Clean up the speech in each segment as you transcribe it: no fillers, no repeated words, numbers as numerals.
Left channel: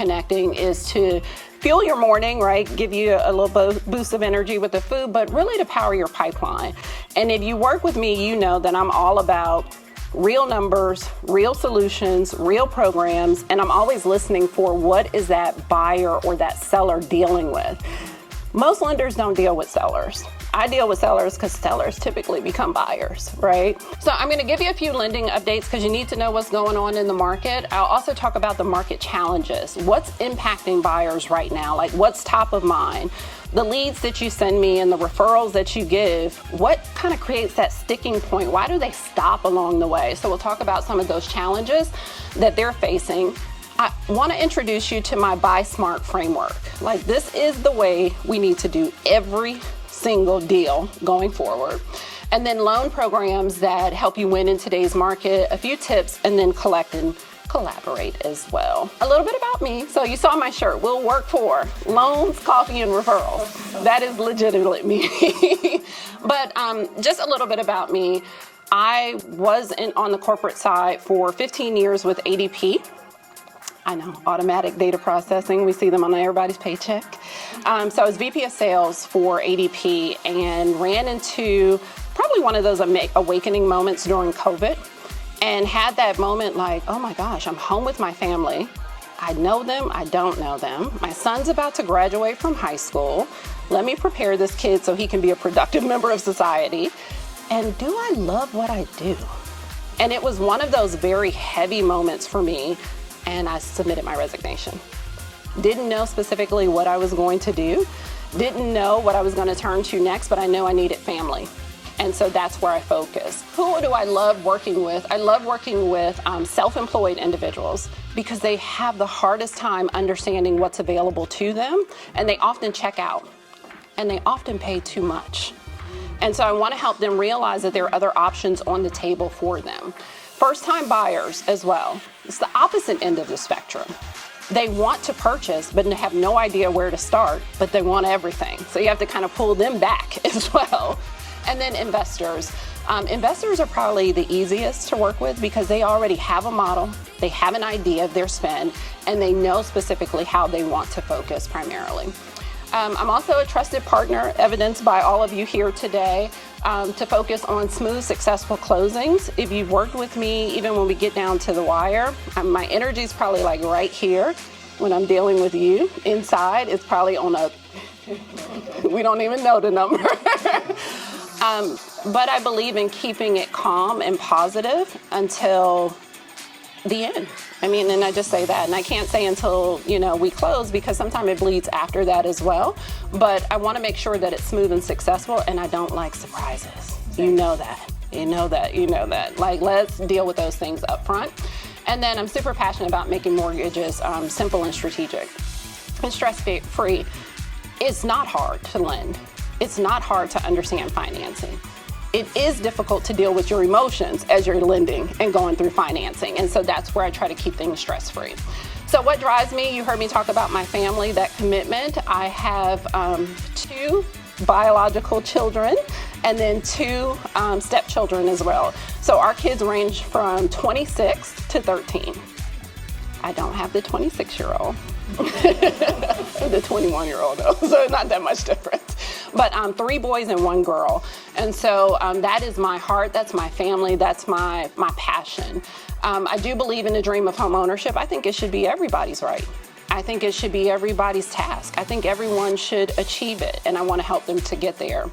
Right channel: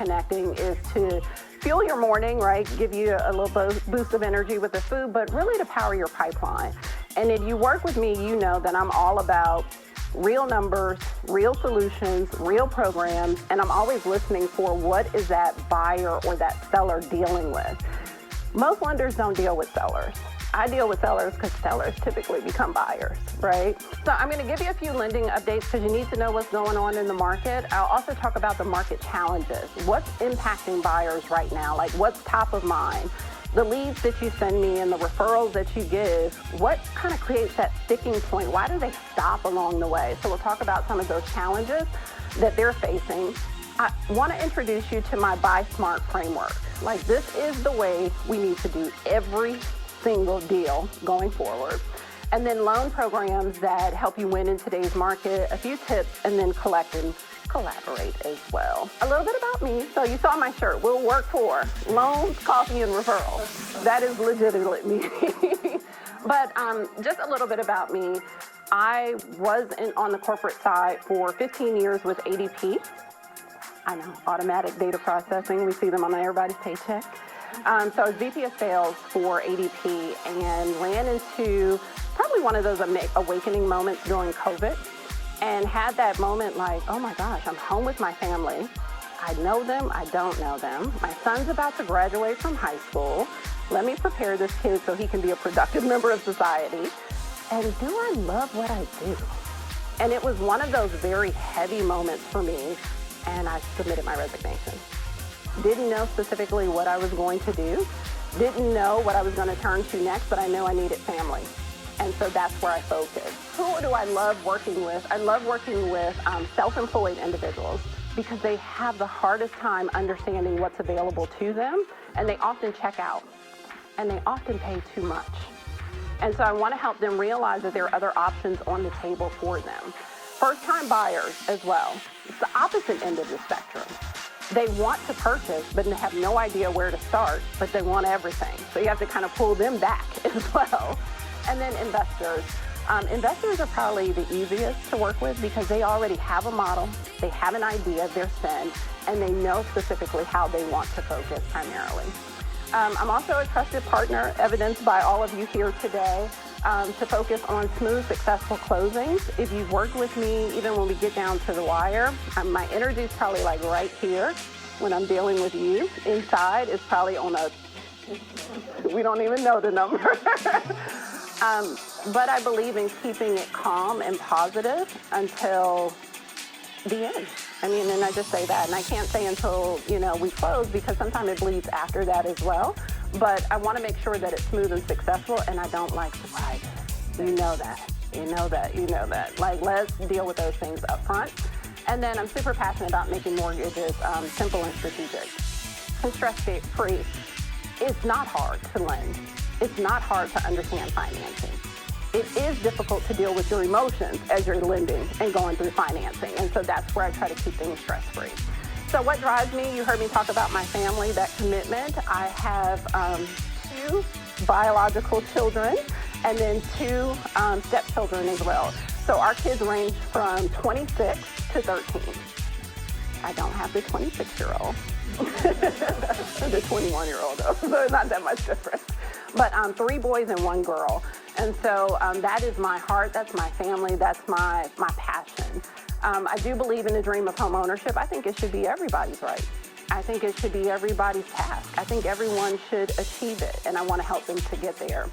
connecting is to fuel your morning, right? Give you a little boost of energy with the food, but really to power your pipeline. And if you work with me, you know that I'm all about real numbers, real solutions, real programs, and I'm always listening for what is that buyer or that seller dealing with. Most lenders don't deal with sellers. I deal with sellers because sellers typically become buyers, right? So I'm going to give you a few lending updates because you need to know what's going on in the market. I'll also talk about the market challenges. What's impacting buyers right now? Like what's top of mind? The leads that you send me and the referrals that you give, what kind of creates that sticking point? Why do they stop along the way? So we'll talk about some of those challenges that they're facing. I want to introduce you to my Buy Smart framework. Like this is the way we need to do every single deal going forward. And then loan programs that help you win in today's market, a few tips, and then collect and collaborate as well. A little bit about me. So you saw my shirt, we'll work for loans, coffee, and referrals. That is legitimately me. But just a little bit about me. I was on the corporate side for 15 years with ADP. I know, automatic data processing. We see them on everybody's paycheck. So I was VP of sales for ADP and ran into probably one of those awakening moments during COVID and had that moment like, oh my gosh, I'm home with my family. I know them, I don't know them. My son's about to graduate from high school. Let me prepare this kid so he can be a productive member of society. And do I love what I do? And it was one of those very heavy moments for me. And I submitted my resignation. Didn't know specifically what I was going to do, didn't know what I was going to turn to next, but I know I needed family. And so that's where I focus. Who do I love working with? I love working with self-employed individuals because they have the hardest time understanding what's available to them, and they often check out, and they often pay too much. And so I want to help them realize that there are other options on the table for them. First-time buyers as well. It's the opposite end of the spectrum. They want to purchase, but have no idea where to start, but they want everything. So you have to kind of pull them back as well. And then investors. Investors are probably the easiest to work with because they already have a model, they have an idea of their spend, and they know specifically how they want to focus primarily. I'm also a trusted partner, evidenced by all of you here today, to focus on smooth, successful closings. If you've worked with me, even when we get down to the wire, my energy is probably like right here when I'm dealing with you. Inside, it's probably on a, we don't even know the number. But I believe in keeping it calm and positive until the end. I mean, and I just say that, and I can't say until, we close because sometimes it bleeds after that as well. But I want to make sure that it's smooth and successful, and I don't like surprises. You know that. You know that. Like, let's deal with those things up front. And then I'm super passionate about making mortgages simple and strategic and stress-free. It's not hard to lend. It's not hard to understand financing. It is difficult to deal with your emotions as you're lending and going through financing. And so that's where I try to keep things stress-free. So what drives me? You heard me talk about my family, that commitment. I have 2 biological children and then 2 stepchildren as well. So our kids range from 26 to 13. I don't have the 26-year-old. The 21-year-old though, so not that much difference. But 3 boys and 1 girl. And so that is my heart, that's my family, that's my passion. I do believe in the dream of home ownership. I think it should be everybody's right. I think it should be everybody's task. I think everyone should achieve it, and I want to help them to get there.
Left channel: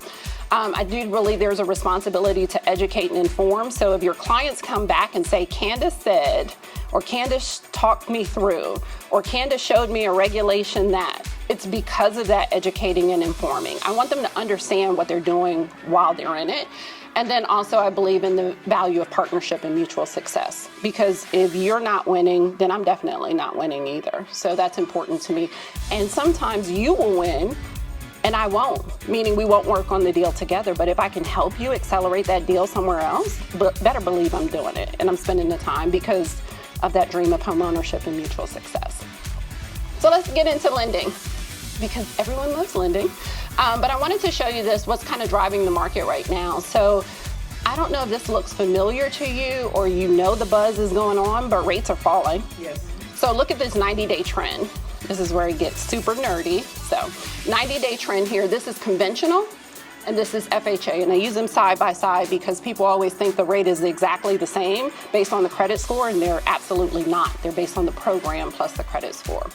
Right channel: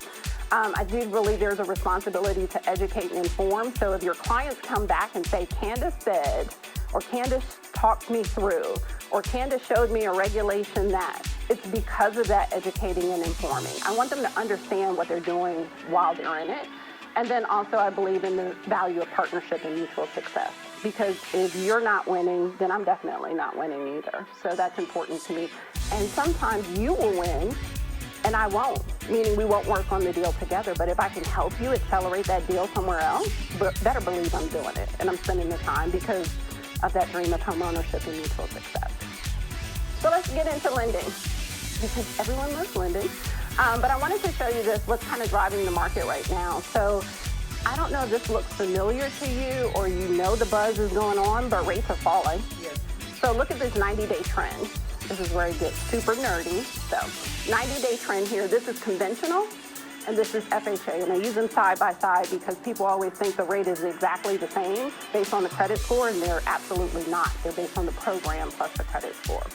I do believe there's a responsibility to educate and inform. So if your clients come back and say, Candice said, or Candice talked me through, or Candice showed me a regulation that, it's because of that educating and informing. I want them to understand what they're doing while they're in it. And then also I believe in the value of partnership and mutual success, because if you're not winning, then I'm definitely not winning either. So that's important to me. And sometimes you will win and I won't, meaning we won't work on the deal together. But if I can help you accelerate that deal somewhere else, better believe I'm doing it and I'm spending the time because of that dream of home ownership and mutual success. So let's get into lending, because everyone loves lending. But I wanted to show you what's kind of driving the market right now. So I don't know if this looks familiar to you or the buzz is going on, but rates are falling. Yes. So look at this 90-day trend. This is where it gets super nerdy. So 90-day trend here, this is conventional, and this is FHA, and I use them side by side because people always think the rate is exactly the same based on the credit score, and they're absolutely not. They're based on the program plus the credit score.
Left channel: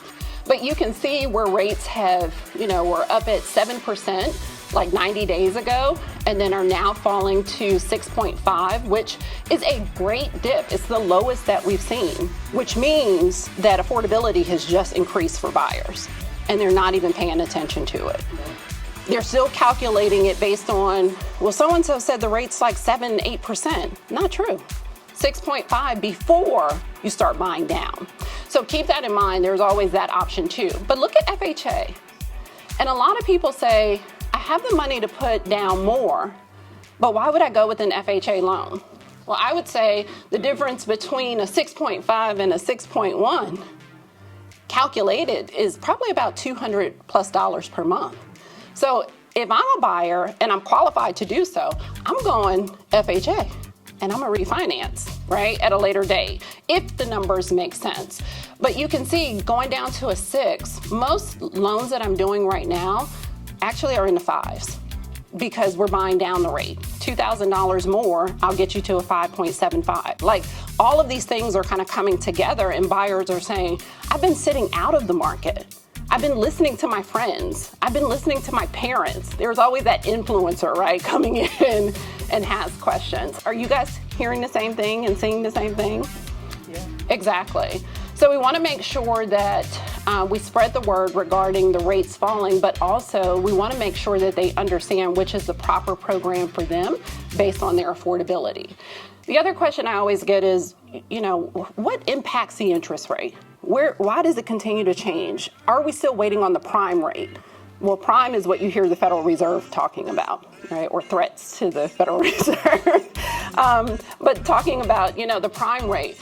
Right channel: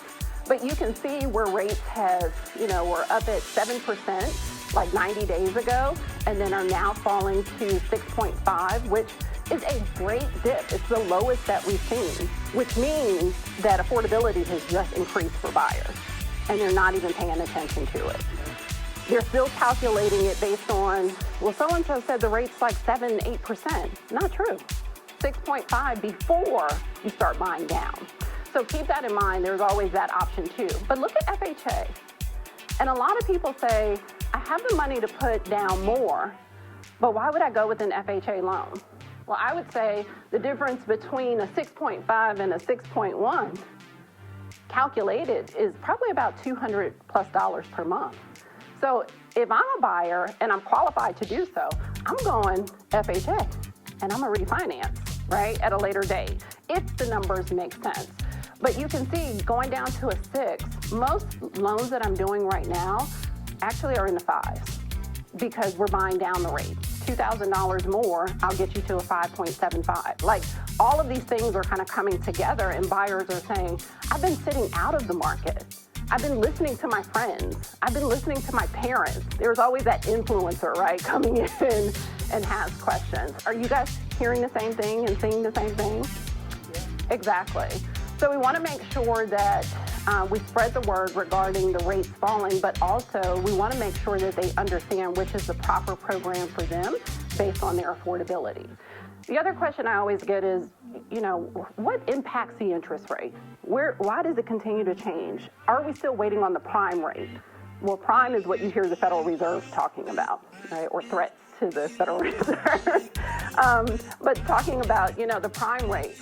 But you can see where rates have, were up at 7% like 90 days ago, and then are now falling to 6.5, which is a great dip. It's the lowest that we've seen, which means that affordability has just increased for buyers, and they're not even paying attention to it. They're still calculating it based on, well, so-and-so said the rate's like 7, 8%. Not true. 6.5 before you start buying down. So keep that in mind. There's always that option too. But look at FHA. And a lot of people say, I have the money to put down more, but why would I go with an FHA loan? Well, I would say the difference between a 6.5 and a 6.1 calculated is probably about $200+ per month. So if I'm a buyer and I'm qualified to do so, I'm going FHA and I'm gonna refinance, right, at a later date, if the numbers make sense. But you can see going down to a 6, most loans that I'm doing right now actually are in the 5s because we're buying down the rate. $2,000 more, I'll get you to a 5.75. Like, all of these things are kind of coming together, and buyers are saying, I've been sitting out of the market. I've been listening to my friends. I've been listening to my parents. There's always that influencer, right, coming in and has questions. Are you guys hearing the same thing and seeing the same thing? Yeah. Exactly. So we want to make sure that we spread the word regarding the rates falling, but also we want to make sure that they understand which is the proper program for them based on their affordability. The other question I always get is, what impacts the interest rate? Why does it continue to change? Are we still waiting on the prime rate? Well, prime is what you hear the Federal Reserve talking about, right? Or threats to the Federal Reserve. But talking about, the prime rate.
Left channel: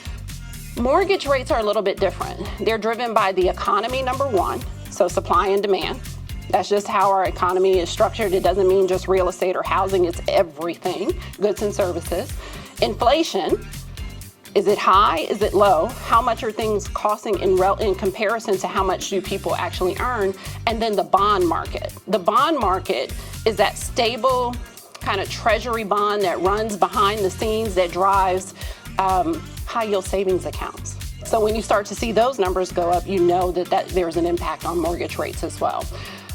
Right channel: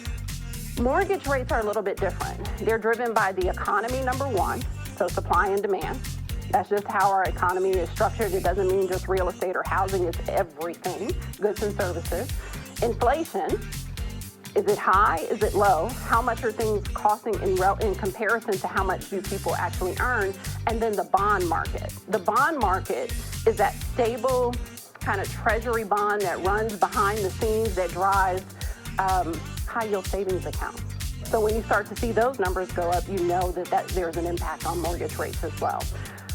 Mortgage rates are a little bit different. They're driven by the economy, number one, so supply and demand. That's just how our economy is structured. It doesn't mean just real estate or housing, it's everything, goods and services. Inflation, is it high, is it low? How much are things costing in comparison to how much do people actually earn? And then the bond market. The bond market is that stable kind of treasury bond that runs behind the scenes that drives high yield savings accounts. So when you start to see those numbers go up, you know that there's an impact on mortgage rates as well.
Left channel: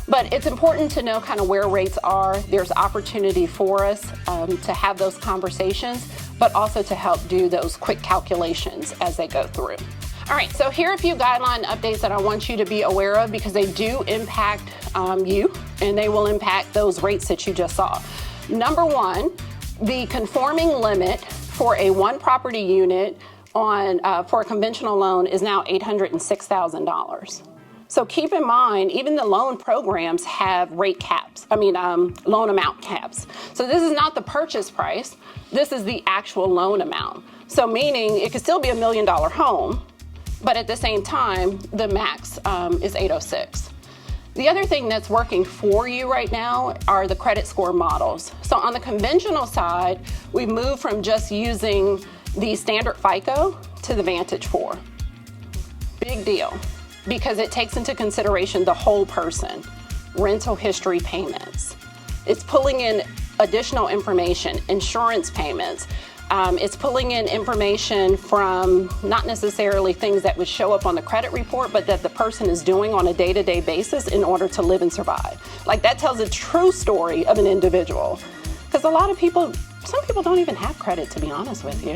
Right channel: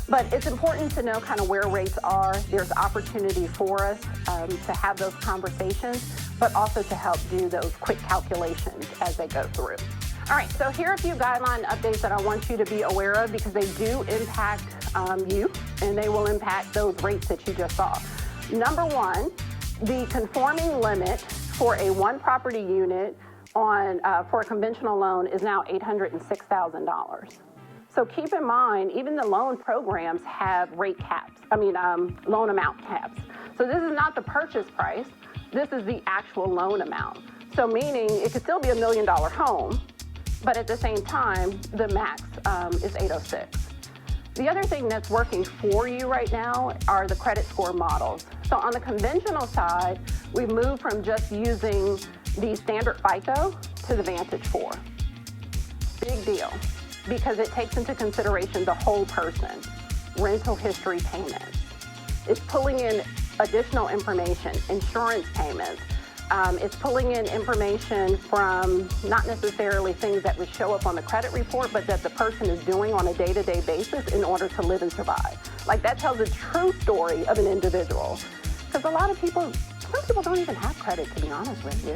But it's important to know kind of where rates are. There's opportunity for us to have those conversations, but also to help do those quick calculations as they go through. All right, so here are a few guideline updates that I want you to be aware of because they do impact you, and they will impact those rates that you just saw. Number one, the conforming limit for a one property unit for a conventional loan is now $806,000. So keep in mind, even the loan programs have rate caps, loan amount caps. So this is not the purchase price, this is the actual loan amount. So meaning it could still be $1 million home, but at the same time, the max is 806. The other thing that's working for you right now are the credit score models. So on the conventional side, we moved from just using the standard FICO to the Vantage 4. Big deal, because it takes into consideration the whole person, rental history payments. It's pulling in additional information, insurance payments. It's pulling in information from not necessarily things that would show up on the credit report, but that the person is doing on a day-to-day basis in order to live and survive. Like, that tells a true story of an individual. Because some people don't even have credit, to be honest with you.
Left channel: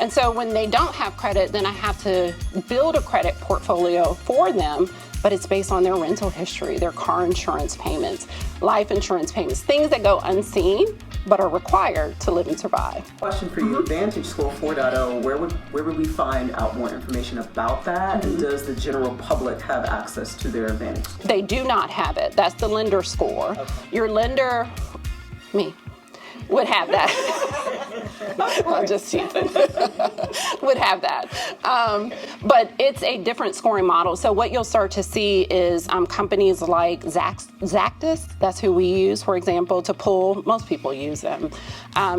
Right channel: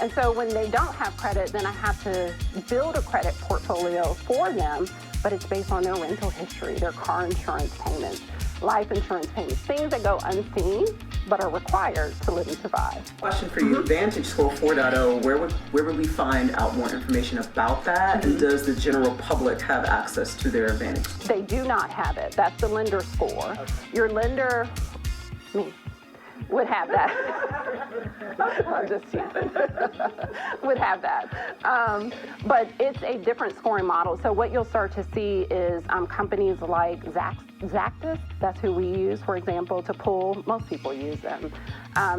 And so when they don't have credit, then I have to build a credit portfolio for them, but it's based on their rental history, their car insurance payments, life insurance payments, things that go unseen but are required to live and survive. Question for you, Vantage Score 4.0, where would we find out more information about that? And does the general public have access to their Vantage Score? They do not have it. That's the lender score. Okay. Your lender, me, would have that. I'm just teasing. Would have that. But it's a different scoring model. So what you'll start to see is companies like Zactus, that's who we use, for example, to pull, most people use them,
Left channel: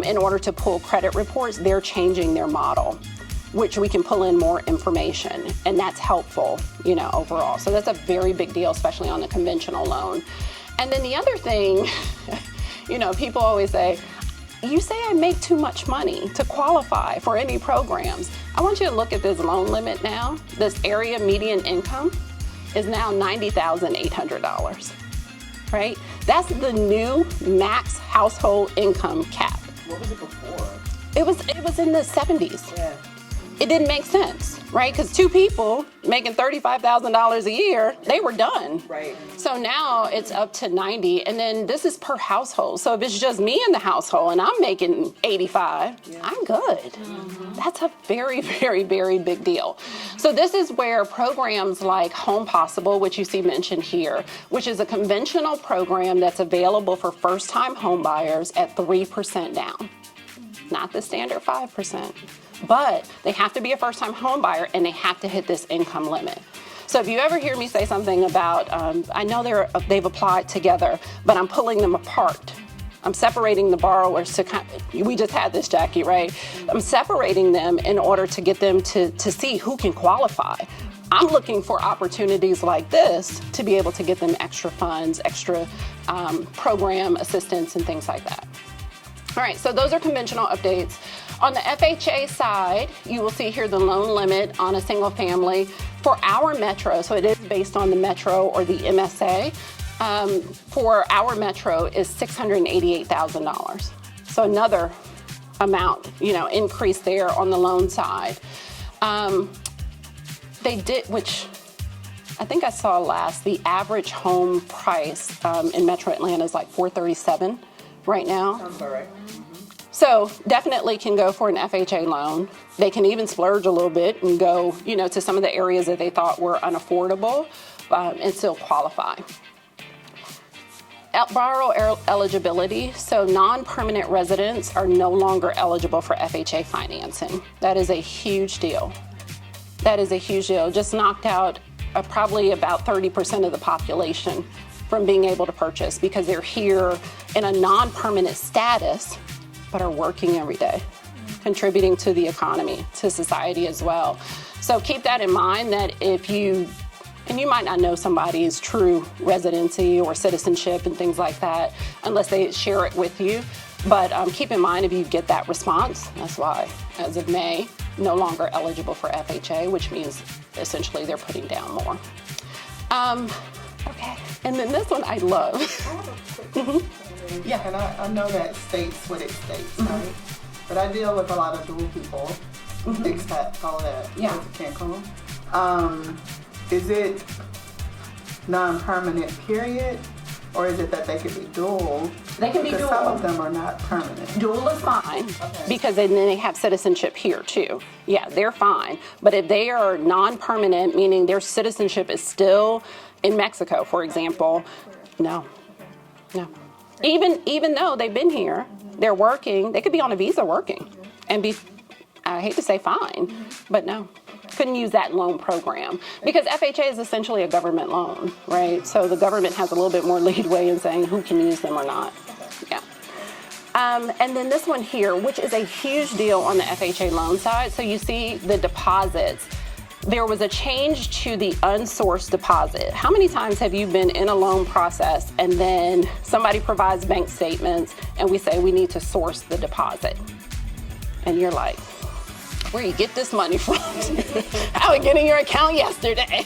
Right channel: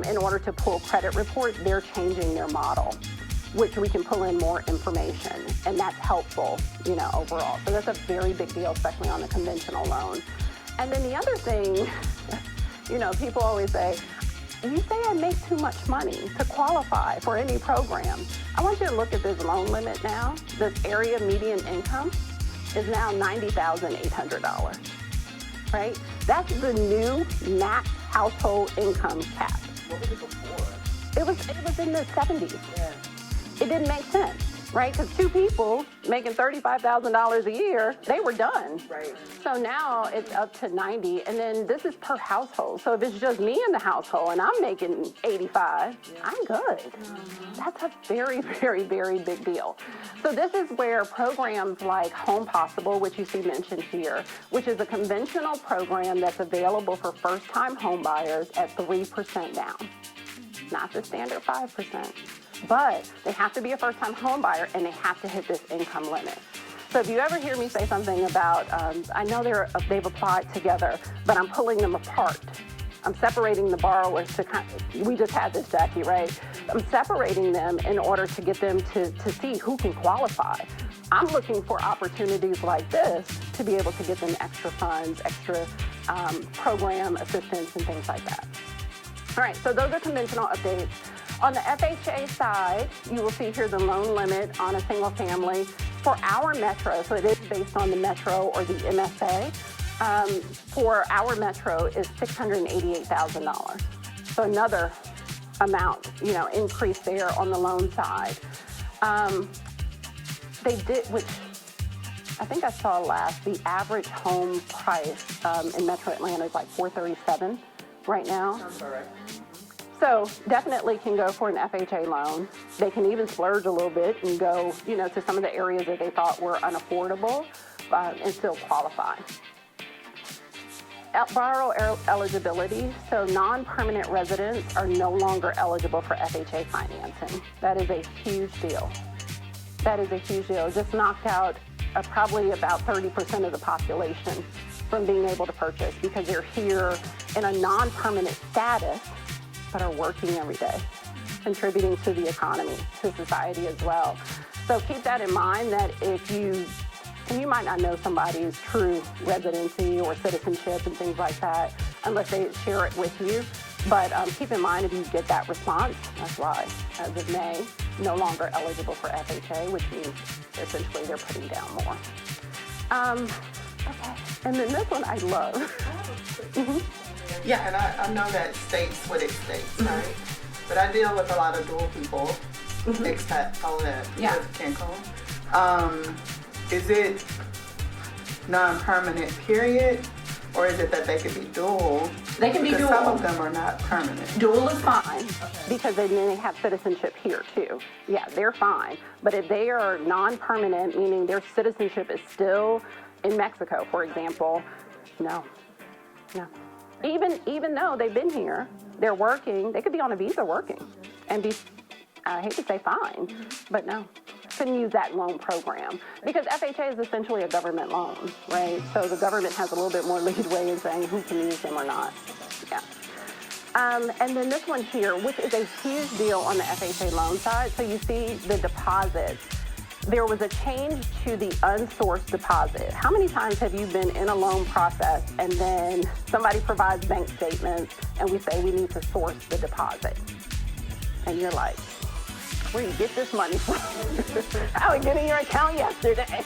in order to pull credit reports. They're changing their model. which we can pull in more information, and that's helpful, you know, overall. So that's a very big deal, especially on the conventional loan. And then the other thing, you know, people always say, you say I make too much money to qualify for any programs. I want you to look at this loan limit now. This area median income is now $90,800, right? That's the new max household income cap. What was it before? It was in the 70s. Yeah. It didn't make sense, right? Because two people making $35,000 a year, they were done. Right. So now it's up to 90, and then this is per household. So if it's just me in the household and I'm making 85, I'm good. That's a very, very, very big deal. So this is where programs like Home Possible, which you see mentioned here, which is a conventional program that's available for first-time home buyers at 3% down. Not the standard 5%. But they have to be a first-time home buyer and they have to hit this income limit. So if you ever hear me say something about, I know they've applied together, but I'm pulling them apart. I'm separating the borrowers to we just had this, Jackie, right? I'm separating them in order to get them to see who can qualify. I'm looking for opportunities like this to be able to get them extra funds, extra program assistance and things like that. All right, so those are conventional updates. On the FHA side, you will see here the loan limit on a single family for our metro, so it is based on the metro or the MSA, for our metro is $688,000. So another amount, you know, increase there on the loan side. They did, which I think I saw last, the average home price in Metro Atlanta is like $437 right now. Sounds all right. So definitely can go for an FHA loan. They can even splurge a little bit and go, you know, to some of the areas that they thought were unaffordable and still qualify. Borrow eligibility, so non-permanent residents are no longer eligible for FHA financing. That is a huge deal. That is a huge deal. Just knocked out probably about 30% of the population from being able to purchase because they're here in a non-permanent status but are working every day, contributing to the economy, to society as well. So keep that in mind that if you, and you might not know somebody's true residency or citizenship and things like that unless they share it with you, but keep in mind if you get that response, that's why, as of May, no longer eligible for FHA, which means essentially they're putting down more. Okay, and then this one I love. Yeah, and I know that states what it states, right? But I deal with a lot of dual people, expats, all of that, Yeah. Cancun. Is it non-permanent period, or is it that they could be dual? They can be Because dual. some of them are not permanent. Dual is fine because then they have citizenship here too. Yeah, they're fine. But if they are non-permanent, meaning their citizenship is still in Mexico, for example, no. Even though they've been here, they're working, they could be on a visa working and be, I hate to say fine, but no. Couldn't use that loan program because FHA is essentially a government loan, right? So the government has a little bit more leadway in saying who can use them or not. Yeah. And then this one here, which is a huge deal on the FHA loan side. So you see the deposits. There was a change to the unsourced deposit. How many times have you been in a loan process and then somebody provides bank statements and we say we need to source the deposit? And you're like, where you get this money from? I would get in your account yesterday.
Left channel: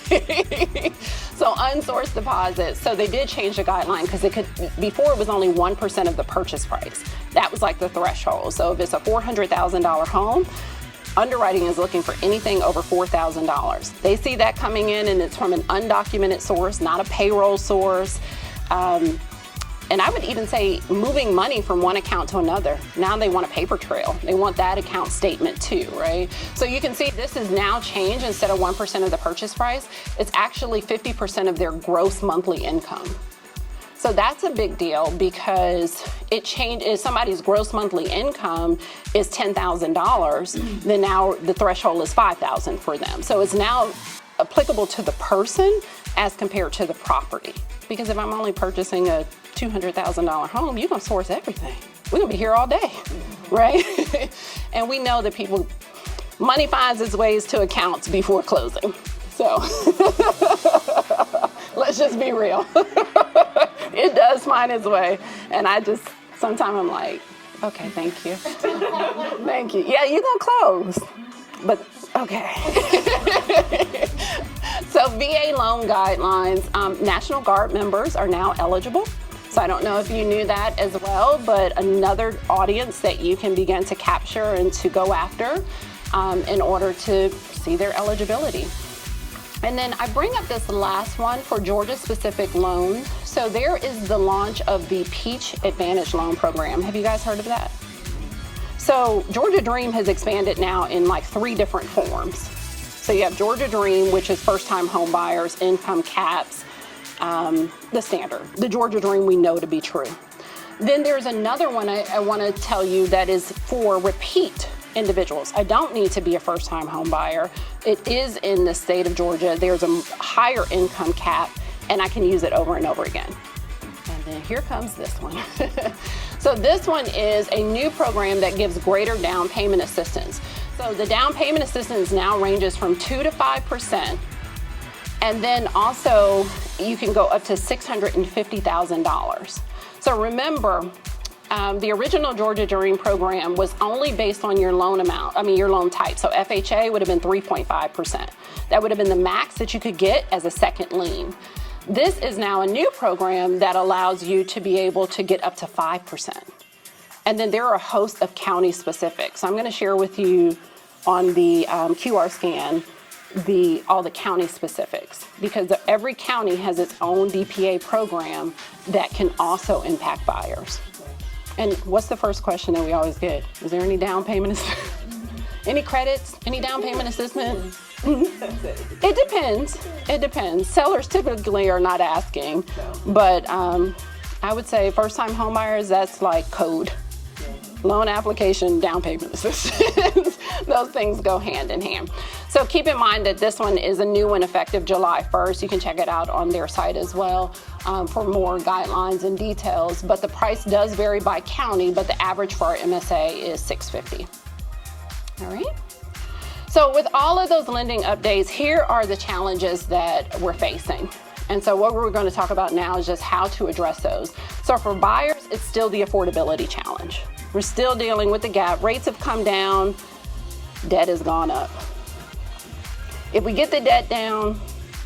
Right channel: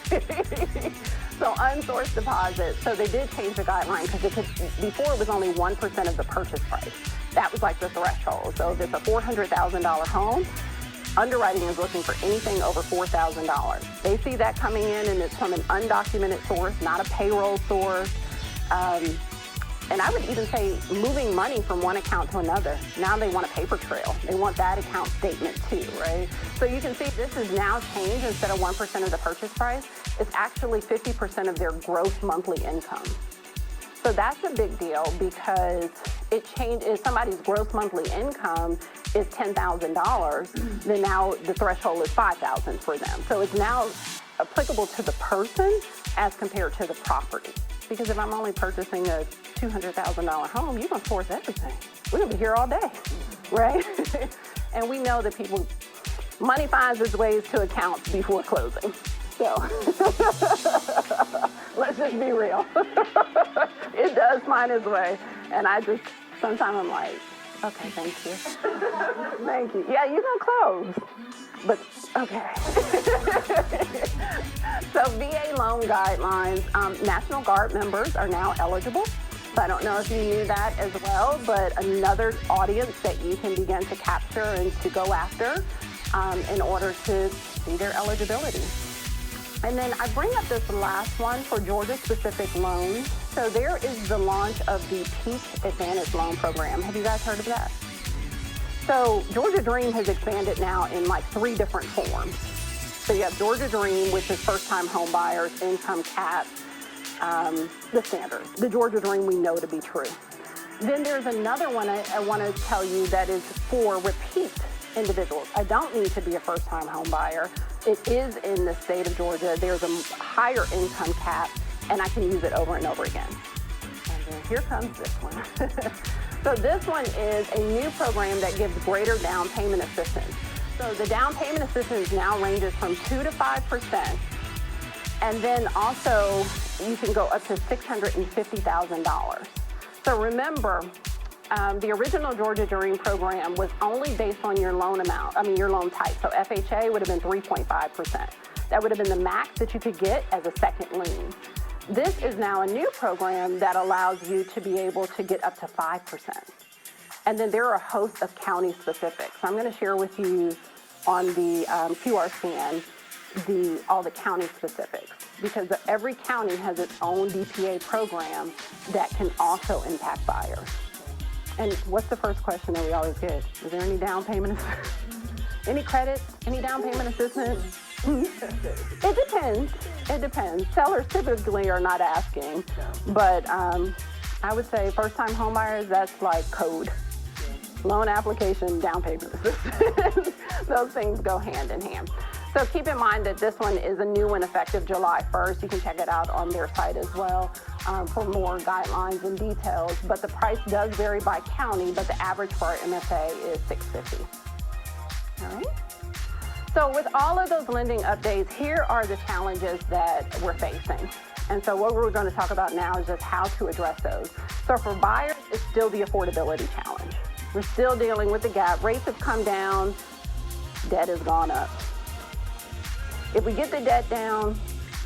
So unsourced deposits. So they did change the guideline because it could, before it was only 1% of the purchase price. That was like the threshold. So if it's a $400,000 home, underwriting is looking for anything over $4,000. They see that coming in and it's from an undocumented source, not a payroll source. And I would even say moving money from one account to another. Now they want a paper trail. They want that account statement too, right? So you can see this is now changed. Instead of 1% of the purchase price, it's actually 50% of their gross monthly income. So that's a big deal because it changed. If somebody's gross monthly income is $10,000, then now the threshold is $5,000 for them. So it's now applicable to the person as compared to the property. Because if I'm only purchasing a $200,000 home, you're gonna source everything. We're gonna be here all day, right? And we know that people money finds its ways to accounts before closing. So let's just be real. It does find its way. And sometimes I'm like, okay, thank you. Thank you. Yeah, you're gonna close, but okay. So VA loan guidelines, National Guard members are now eligible. So I don't know if you knew that as well, but another audience that you can begin to capture and to go after in order to see their eligibility. And then I bring up this last one for Georgia-specific loans. So there is the launch of the Peach Advantage Loan Program. Have you guys heard of that? So Georgia Dream has expanded now in like 3 different forms. So you have Georgia Dream, which is first-time home buyers, income caps, the standard. The Georgia Dream we know to be true. Then there's another one I want to tell you that is for repeat individuals. I don't need to be a first-time home buyer. It is in the state of Georgia. There's a higher income cap, and I can use it over and over again. And then here comes this one. So this one is a new program that gives greater down payment assistance. So the down payment assistance now ranges from 2 to 5%, and then also you can go up to $650,000. So remember, the original Georgia Dream program was only based on your loan amount, your loan type. So FHA would have been 3.5%. That would have been the max that you could get as a second lien. This is now a new program that allows you to be able to get up to 5%. And then there are a host of county specifics. So I'm going to share with you on the QR scan all the county specifics, because every county has its own DPA program that can also impact buyers. And what's the first question that we always get? Is there any down payment? Any credits? Any down payment assistance? It depends. It depends. Sellers typically are not asking, but I would say first-time home buyers, that's like code. Loan application, down payment assistance. Those things go hand in hand. So keep in mind that this one is a new one effective July 1st. You can check it out on their site as well for more guidelines and details. But the price does vary by county, but the average for our MSA is $650. All right. So with all of those lending updates, here are the challenges that we're facing. And so what we're going to talk about now is just how to address those. So for buyers, it's still the affordability challenge. We're still dealing with the gap. Rates have come down, debt has gone up. If we get the debt down,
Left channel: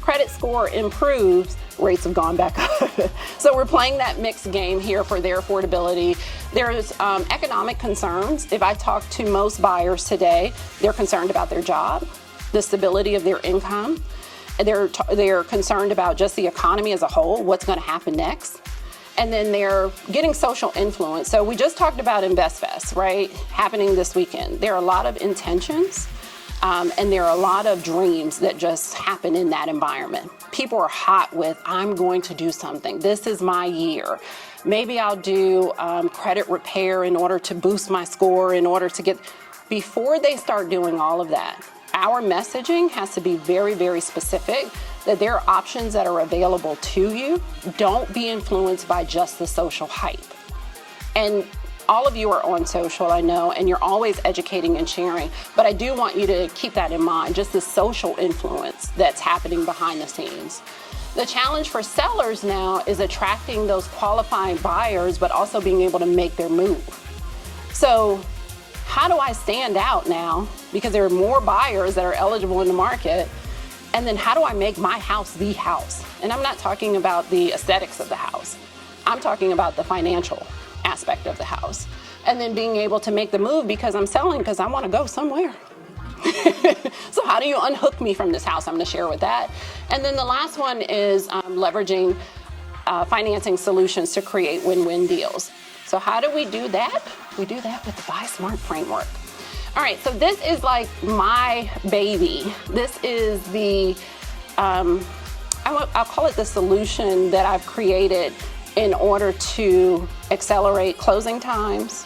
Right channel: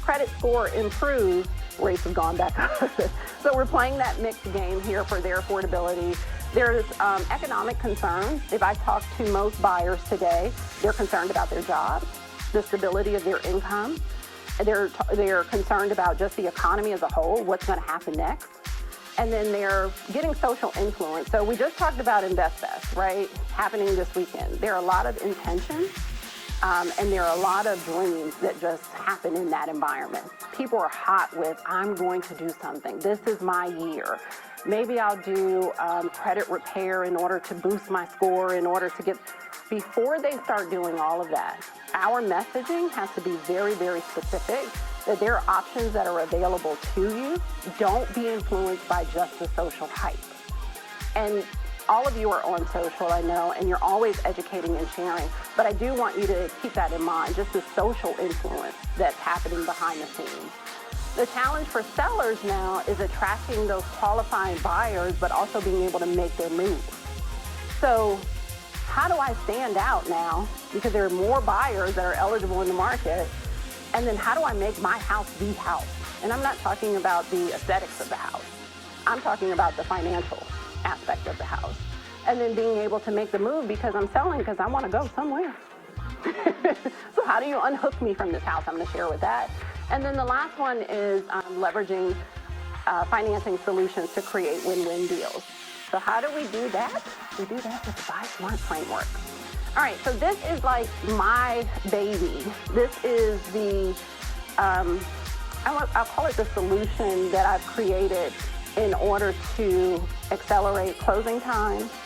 credit score improves, rates have gone back up. So we're playing that mixed game here for their affordability. There's economic concerns. If I talk to most buyers today, they're concerned about their job, the stability of their income. They're concerned about just the economy as a whole, what's going to happen next. And then they're getting social influence. So we just talked about InvestFest, right? Happening this weekend. There are a lot of intentions and there are a lot of dreams that just happen in that environment. People are hot with, I'm going to do something. This is my year. Maybe I'll do credit repair in order to boost my score, in order to get, before they start doing all of that, our messaging has to be very, very specific, that there are options that are available to you. Don't be influenced by just the social hype. And all of you are on social, I know, and you're always educating and sharing, but I do want you to keep that in mind, just the social influence that's happening behind the scenes. The challenge for sellers now is attracting those qualifying buyers, but also being able to make their move. So how do I stand out now? Because there are more buyers that are eligible in the market. And then how do I make my house the house? And I'm not talking about the aesthetics of the house. I'm talking about the financial aspect of the house. And then being able to make the move because I'm selling because I want to go somewhere. So how do you unhook me from this house? I'm going to share with that. And then the last one is leveraging financing solutions to create win-win deals. So how do we do that? We do that with the Buy Smart framework. All right, so this is like my baby. This is the, I'll call it the solution that I've created in order to accelerate closing times,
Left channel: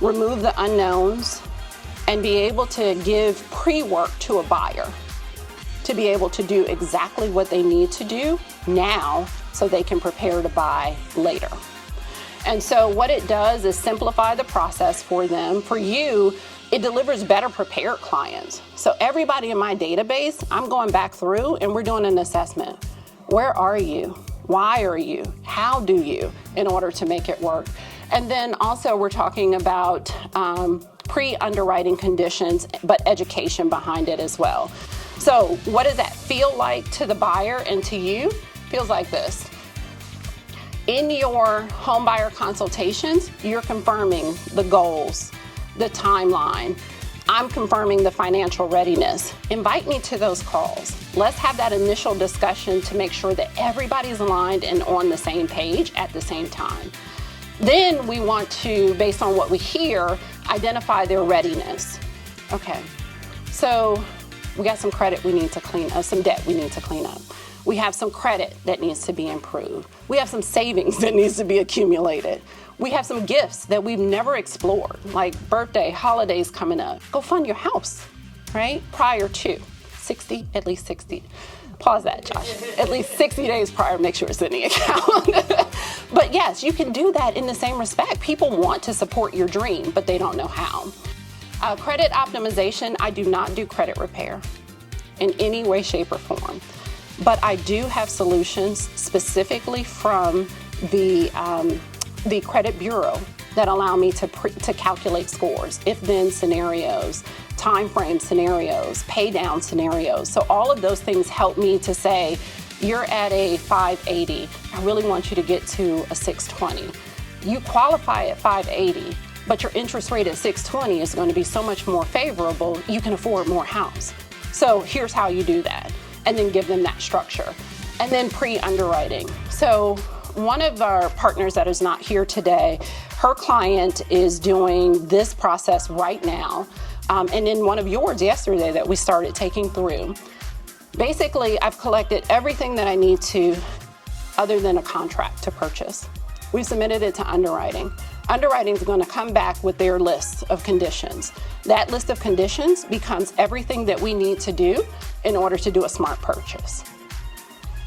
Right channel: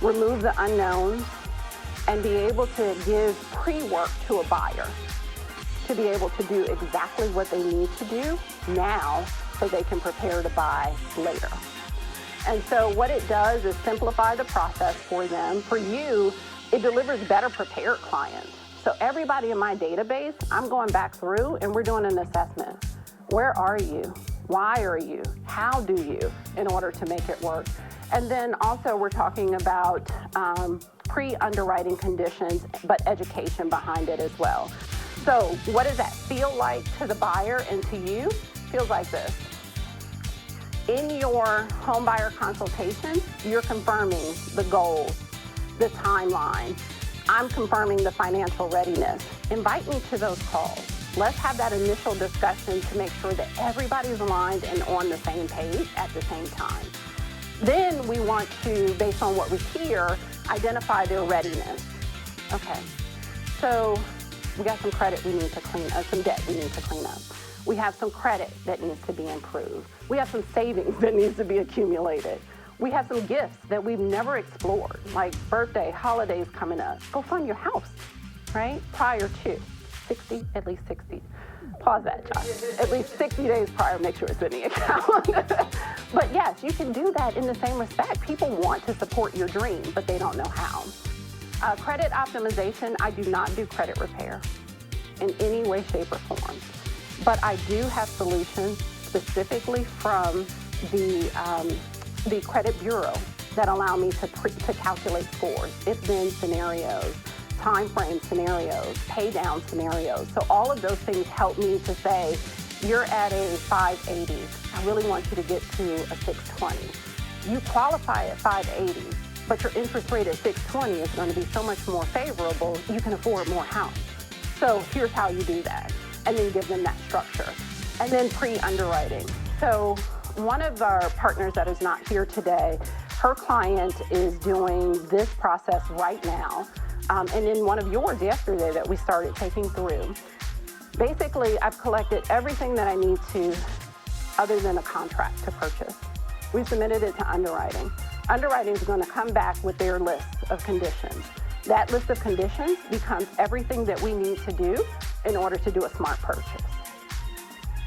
remove the unknowns, and be able to give pre-work to a buyer to be able to do exactly what they need to do now so they can prepare to buy later. And so what it does is simplify the process for them. For you, it delivers better prepared clients. So everybody in my database, I'm going back through and we're doing an assessment. Where are you? Why are you? How do you? In order to make it work. And then also we're talking about pre-underwriting conditions, but education behind it as well. So what does that feel like to the buyer and to you? Feels like this. In your home buyer consultations, you're confirming the goals, the timeline. I'm confirming the financial readiness. Invite me to those calls. Let's have that initial discussion to make sure that everybody's aligned and on the same page at the same time. Then we want to, based on what we hear, identify their readiness. Okay, so we got some credit we need to clean up, some debt we need to clean up. We have some credit that needs to be improved. We have some savings that needs to be accumulated. We have some gifts that we've never explored, like birthday, holidays coming up. Go fund your house, right? Prior to 60, at least 60. Pause that, Josh. At least 60 days prior, make sure it's in the account. But yes, you can do that in the same respect. People want to support your dream, but they don't know how. Credit optimization, I do not do credit repair in any way, shape, or form. But I do have solutions specifically from the credit bureau that allow me to calculate scores, if-then scenarios, time frame scenarios, pay down scenarios. So all of those things help me to say, you're at a 580. I really want you to get to a 620. You qualify at 580, but your interest rate at 620 is going to be so much more favorable, you can afford more house. So here's how you do that. And then give them that structure. And then pre-underwriting. So one of our partners that is not here today, her client is doing this process right now. And in one of yours yesterday that we started taking through, basically I've collected everything that I need to other than a contract to purchase. We've submitted it to underwriting. Underwriting is going to come back with their list of conditions. That list of conditions becomes everything that we need to do in order to do a smart purchase.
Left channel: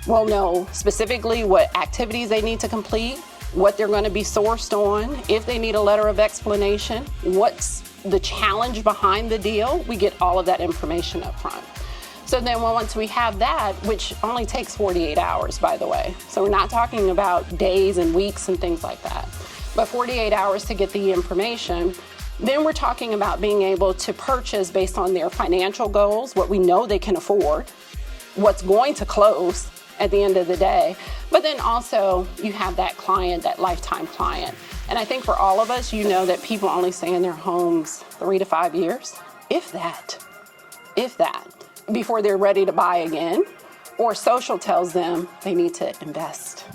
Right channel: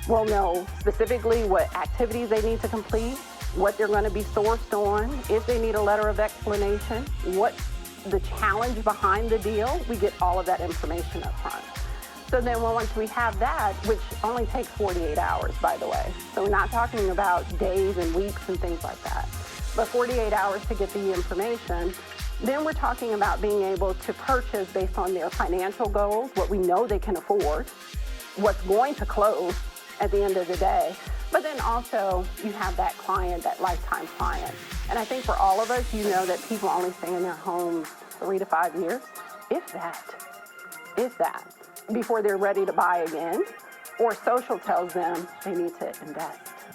We'll know specifically what activities they need to complete, what they're going to be sourced on, if they need a letter of explanation, what's the challenge behind the deal. We get all of that information up front. So then once we have that, which only takes 48 hours, by the way. So we're not talking about days and weeks and things like that, but 48 hours to get the information. Then we're talking about being able to purchase based on their financial goals, what we know they can afford, what's going to close at the end of the day. But then also you have that client, that lifetime client. And I think for all of us, you know that people only stay in their homes 3 to 5 years, if that, before they're ready to buy again, or social tells them they need to invest,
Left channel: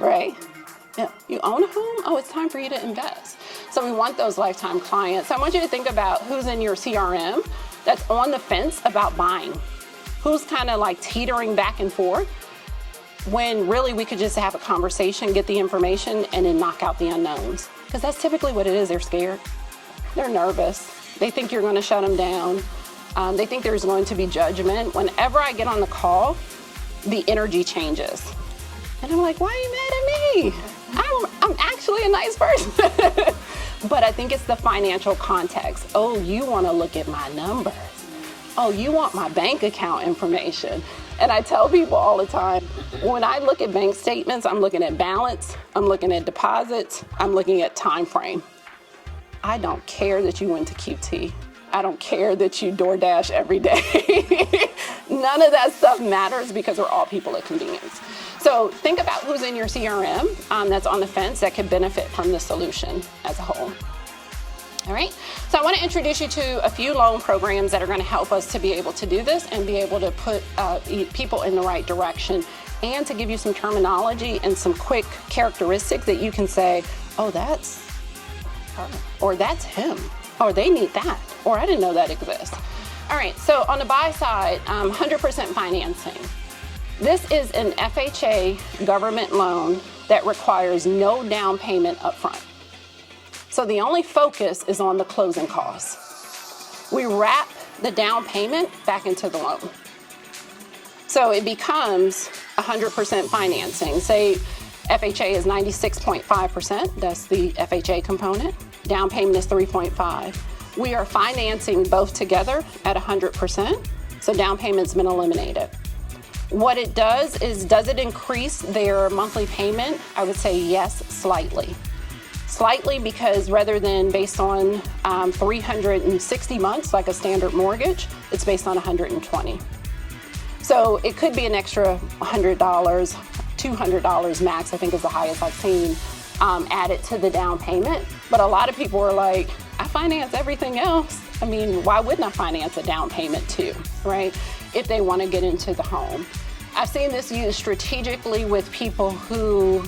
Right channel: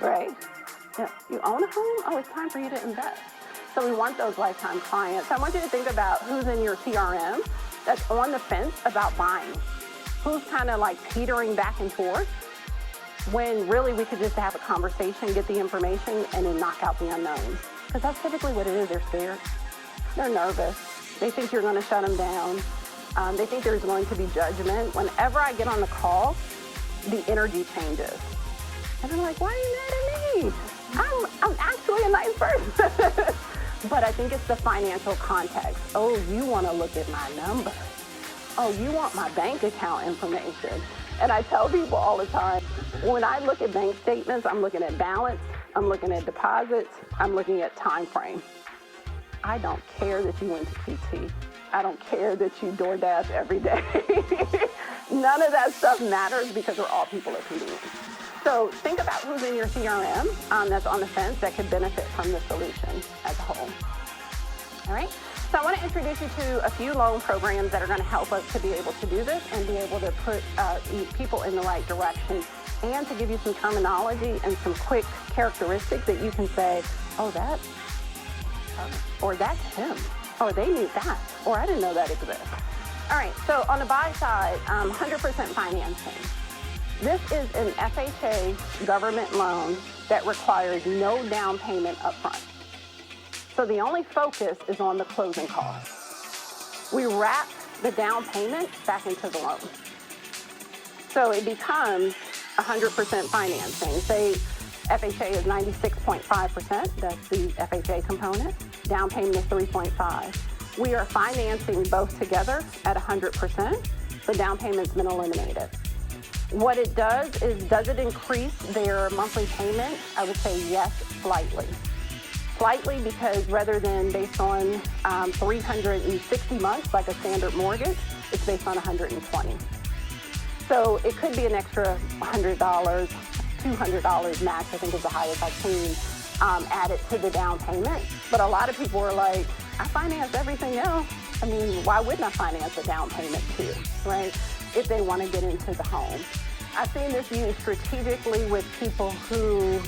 right? Yeah, you own a home? Oh, it's time for you to invest. So we want those lifetime clients. I want you to think about who's in your CRM that's on the fence about buying. Who's kind of like teetering back and forth when really we could just have a conversation, get the information, and then knock out the unknowns. Because that's typically what it is. They're scared. They're nervous. They think you're going to shut them down. They think there's going to be judgment. Whenever I get on the call, the energy changes. And I'm like, why are you mad at me? I'm actually a nice person. But I think it's the financial context. Oh, you want to look at my numbers. Oh, you want my bank account information. And I tell people all the time, when I look at bank statements, I'm looking at balance, I'm looking at deposits, I'm looking at time frame. I don't care that you went to QT. I don't care that you DoorDash every day. None of that stuff matters because we're all people of convenience. So think about who's in your CRM that's on the fence that could benefit from the solution as a whole. All right, so I want to introduce you to a few loan programs that are going to help us to be able to do this and be able to put people in the right direction, and to give you some terminology and some quick characteristics that you can say, oh, that's her, or that's him, or they need that, or I didn't know that exists. All right, so on the buy side, 100% financing. This is an FHA government loan that requires no down payment up front. So the only focus is on the closing costs. We wrap the down payment back into the loan. So it becomes 100% financing. Say FHA is 96.5%. That's the FHA component. Down payment is 3.5. We are financing both together at 100%. So down payment's been eliminated. What it does it increase their monthly payment? I would say yes, slightly. Slightly, because rather than based on 360 months like a standard mortgage, it's based on 120. So it could be an extra $100, $200 max, I think is the highest I've seen, added to the down payment. But a lot of people are like, I finance everything else. I mean, why wouldn't I finance a down payment too, right? If they want to get into the home. I've seen this used strategically with people who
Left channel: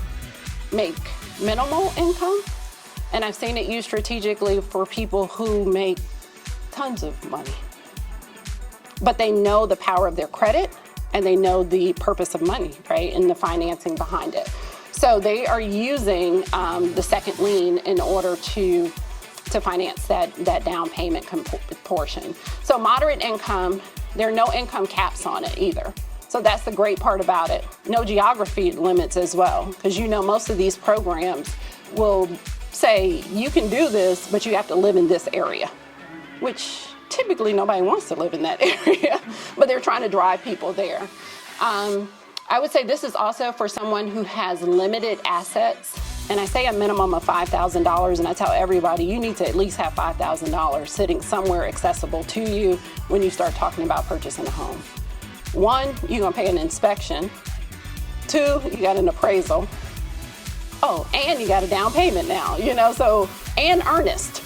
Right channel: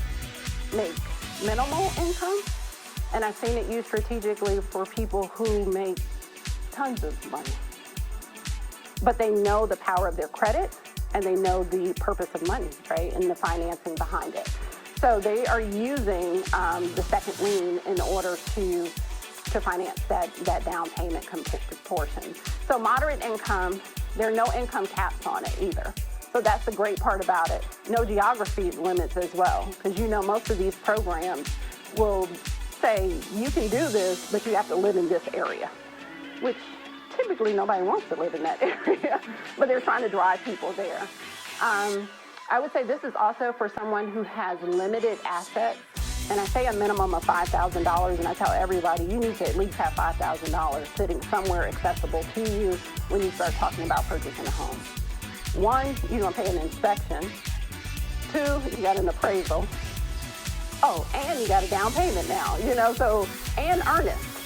make minimal income, and I've seen it used strategically for people who make tons of money. But they know the power of their credit, and they know the purpose of money, right, and the financing behind it. So they are using the second lien in order to finance that down payment portion. So moderate income, there are no income caps on it either. So that's the great part about it. No geography limits as well, because you know most of these programs will say you can do this, but you have to live in this area, which typically nobody wants to live in that area, but they're trying to drive people there. I would say this is also for someone who has limited assets, and I say a minimum of $5,000, and I tell everybody you need to at least have $5,000 sitting somewhere accessible to you when you start talking about purchasing a home. One, you're gonna pay an inspection. Two, you got an appraisal. Oh, and you got a down payment now, you know, so, and earnest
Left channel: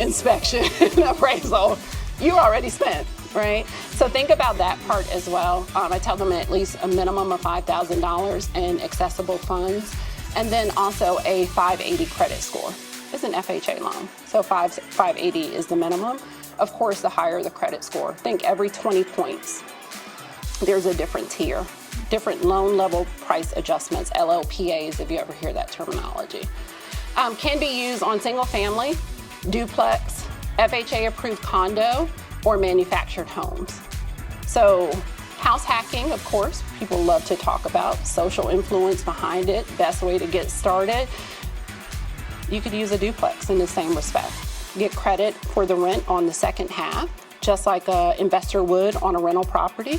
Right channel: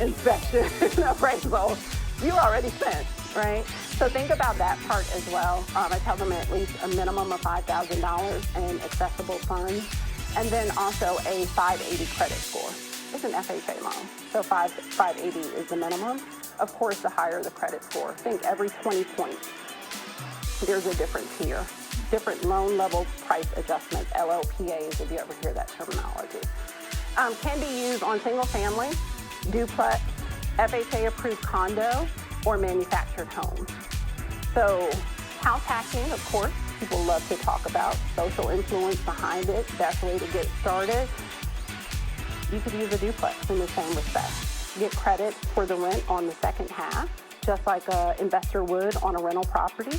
inspection and appraisal, you already spent, right? So think about that part as well. I tell them at least a minimum of $5,000 in accessible funds, and then also a 580 credit score. It's an FHA loan, so 580 is the minimum. Of course, the higher the credit score. Think every 20 points, there's a different tier. Different loan level price adjustments, LLPAs, if you ever hear that terminology. Can be used on single family, duplex, FHA approved condo, or manufactured homes. So house hacking, of course, people love to talk about. Social influence behind it, best way to get started. You could use a duplex in the same respect. Get credit for the rent on the second half, just like an investor would on a rental property,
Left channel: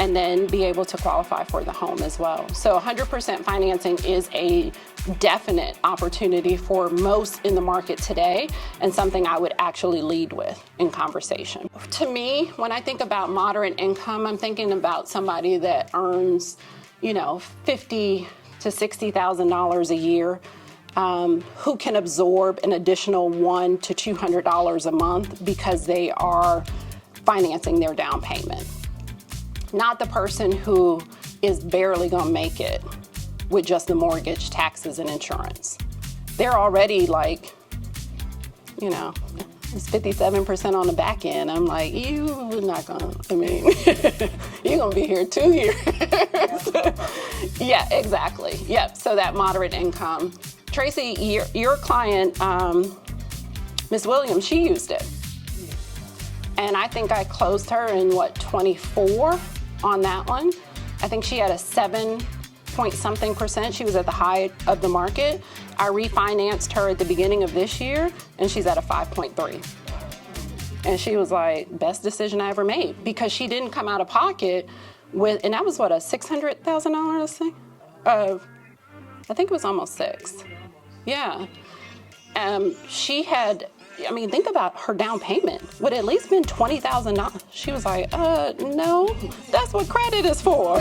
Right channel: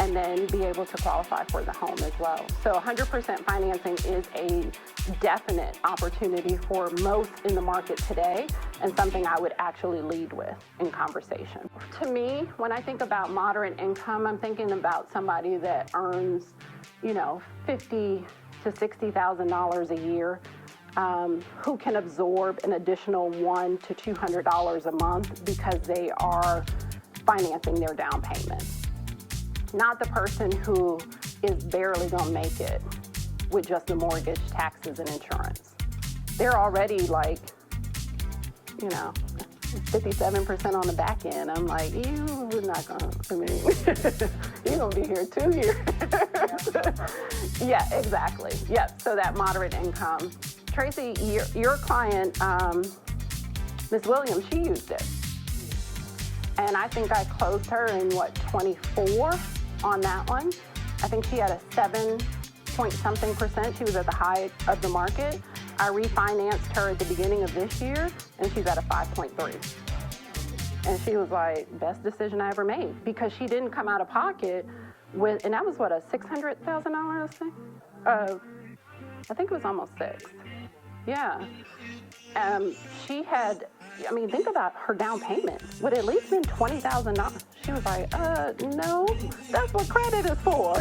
and then be able to qualify for the home as well. So 100% financing is a definite opportunity for most in the market today, and something I would actually lead with in conversation. To me, when I think about moderate income, I'm thinking about somebody that earns, you know, $50,000 to $60,000 a year, who can absorb an additional $100 to $200 a month because they are financing their down payment. Not the person who is barely gonna make it with just the mortgage, taxes, and insurance. They're already like, you know, it's 57% on the back end. I'm like, you're not gonna, I mean, you're gonna be here 2 years. Yeah, exactly. Yep, so that moderate income. Tracy, your client, Ms. Williams, she used it. And I think I closed her in, 24 on that one. I think she had a 7-point-something%. She was at the high of the market. I refinanced her at the beginning of this year, and she's at a 5.3. And she was like, best decision I ever made, because she didn't come out of pocket with, and that was what, a $600,000 thing? I think it was almost 6. Yeah. She had, I mean, think about her down payment. Would at least been $20,000. She was like, no, that's what credit is for.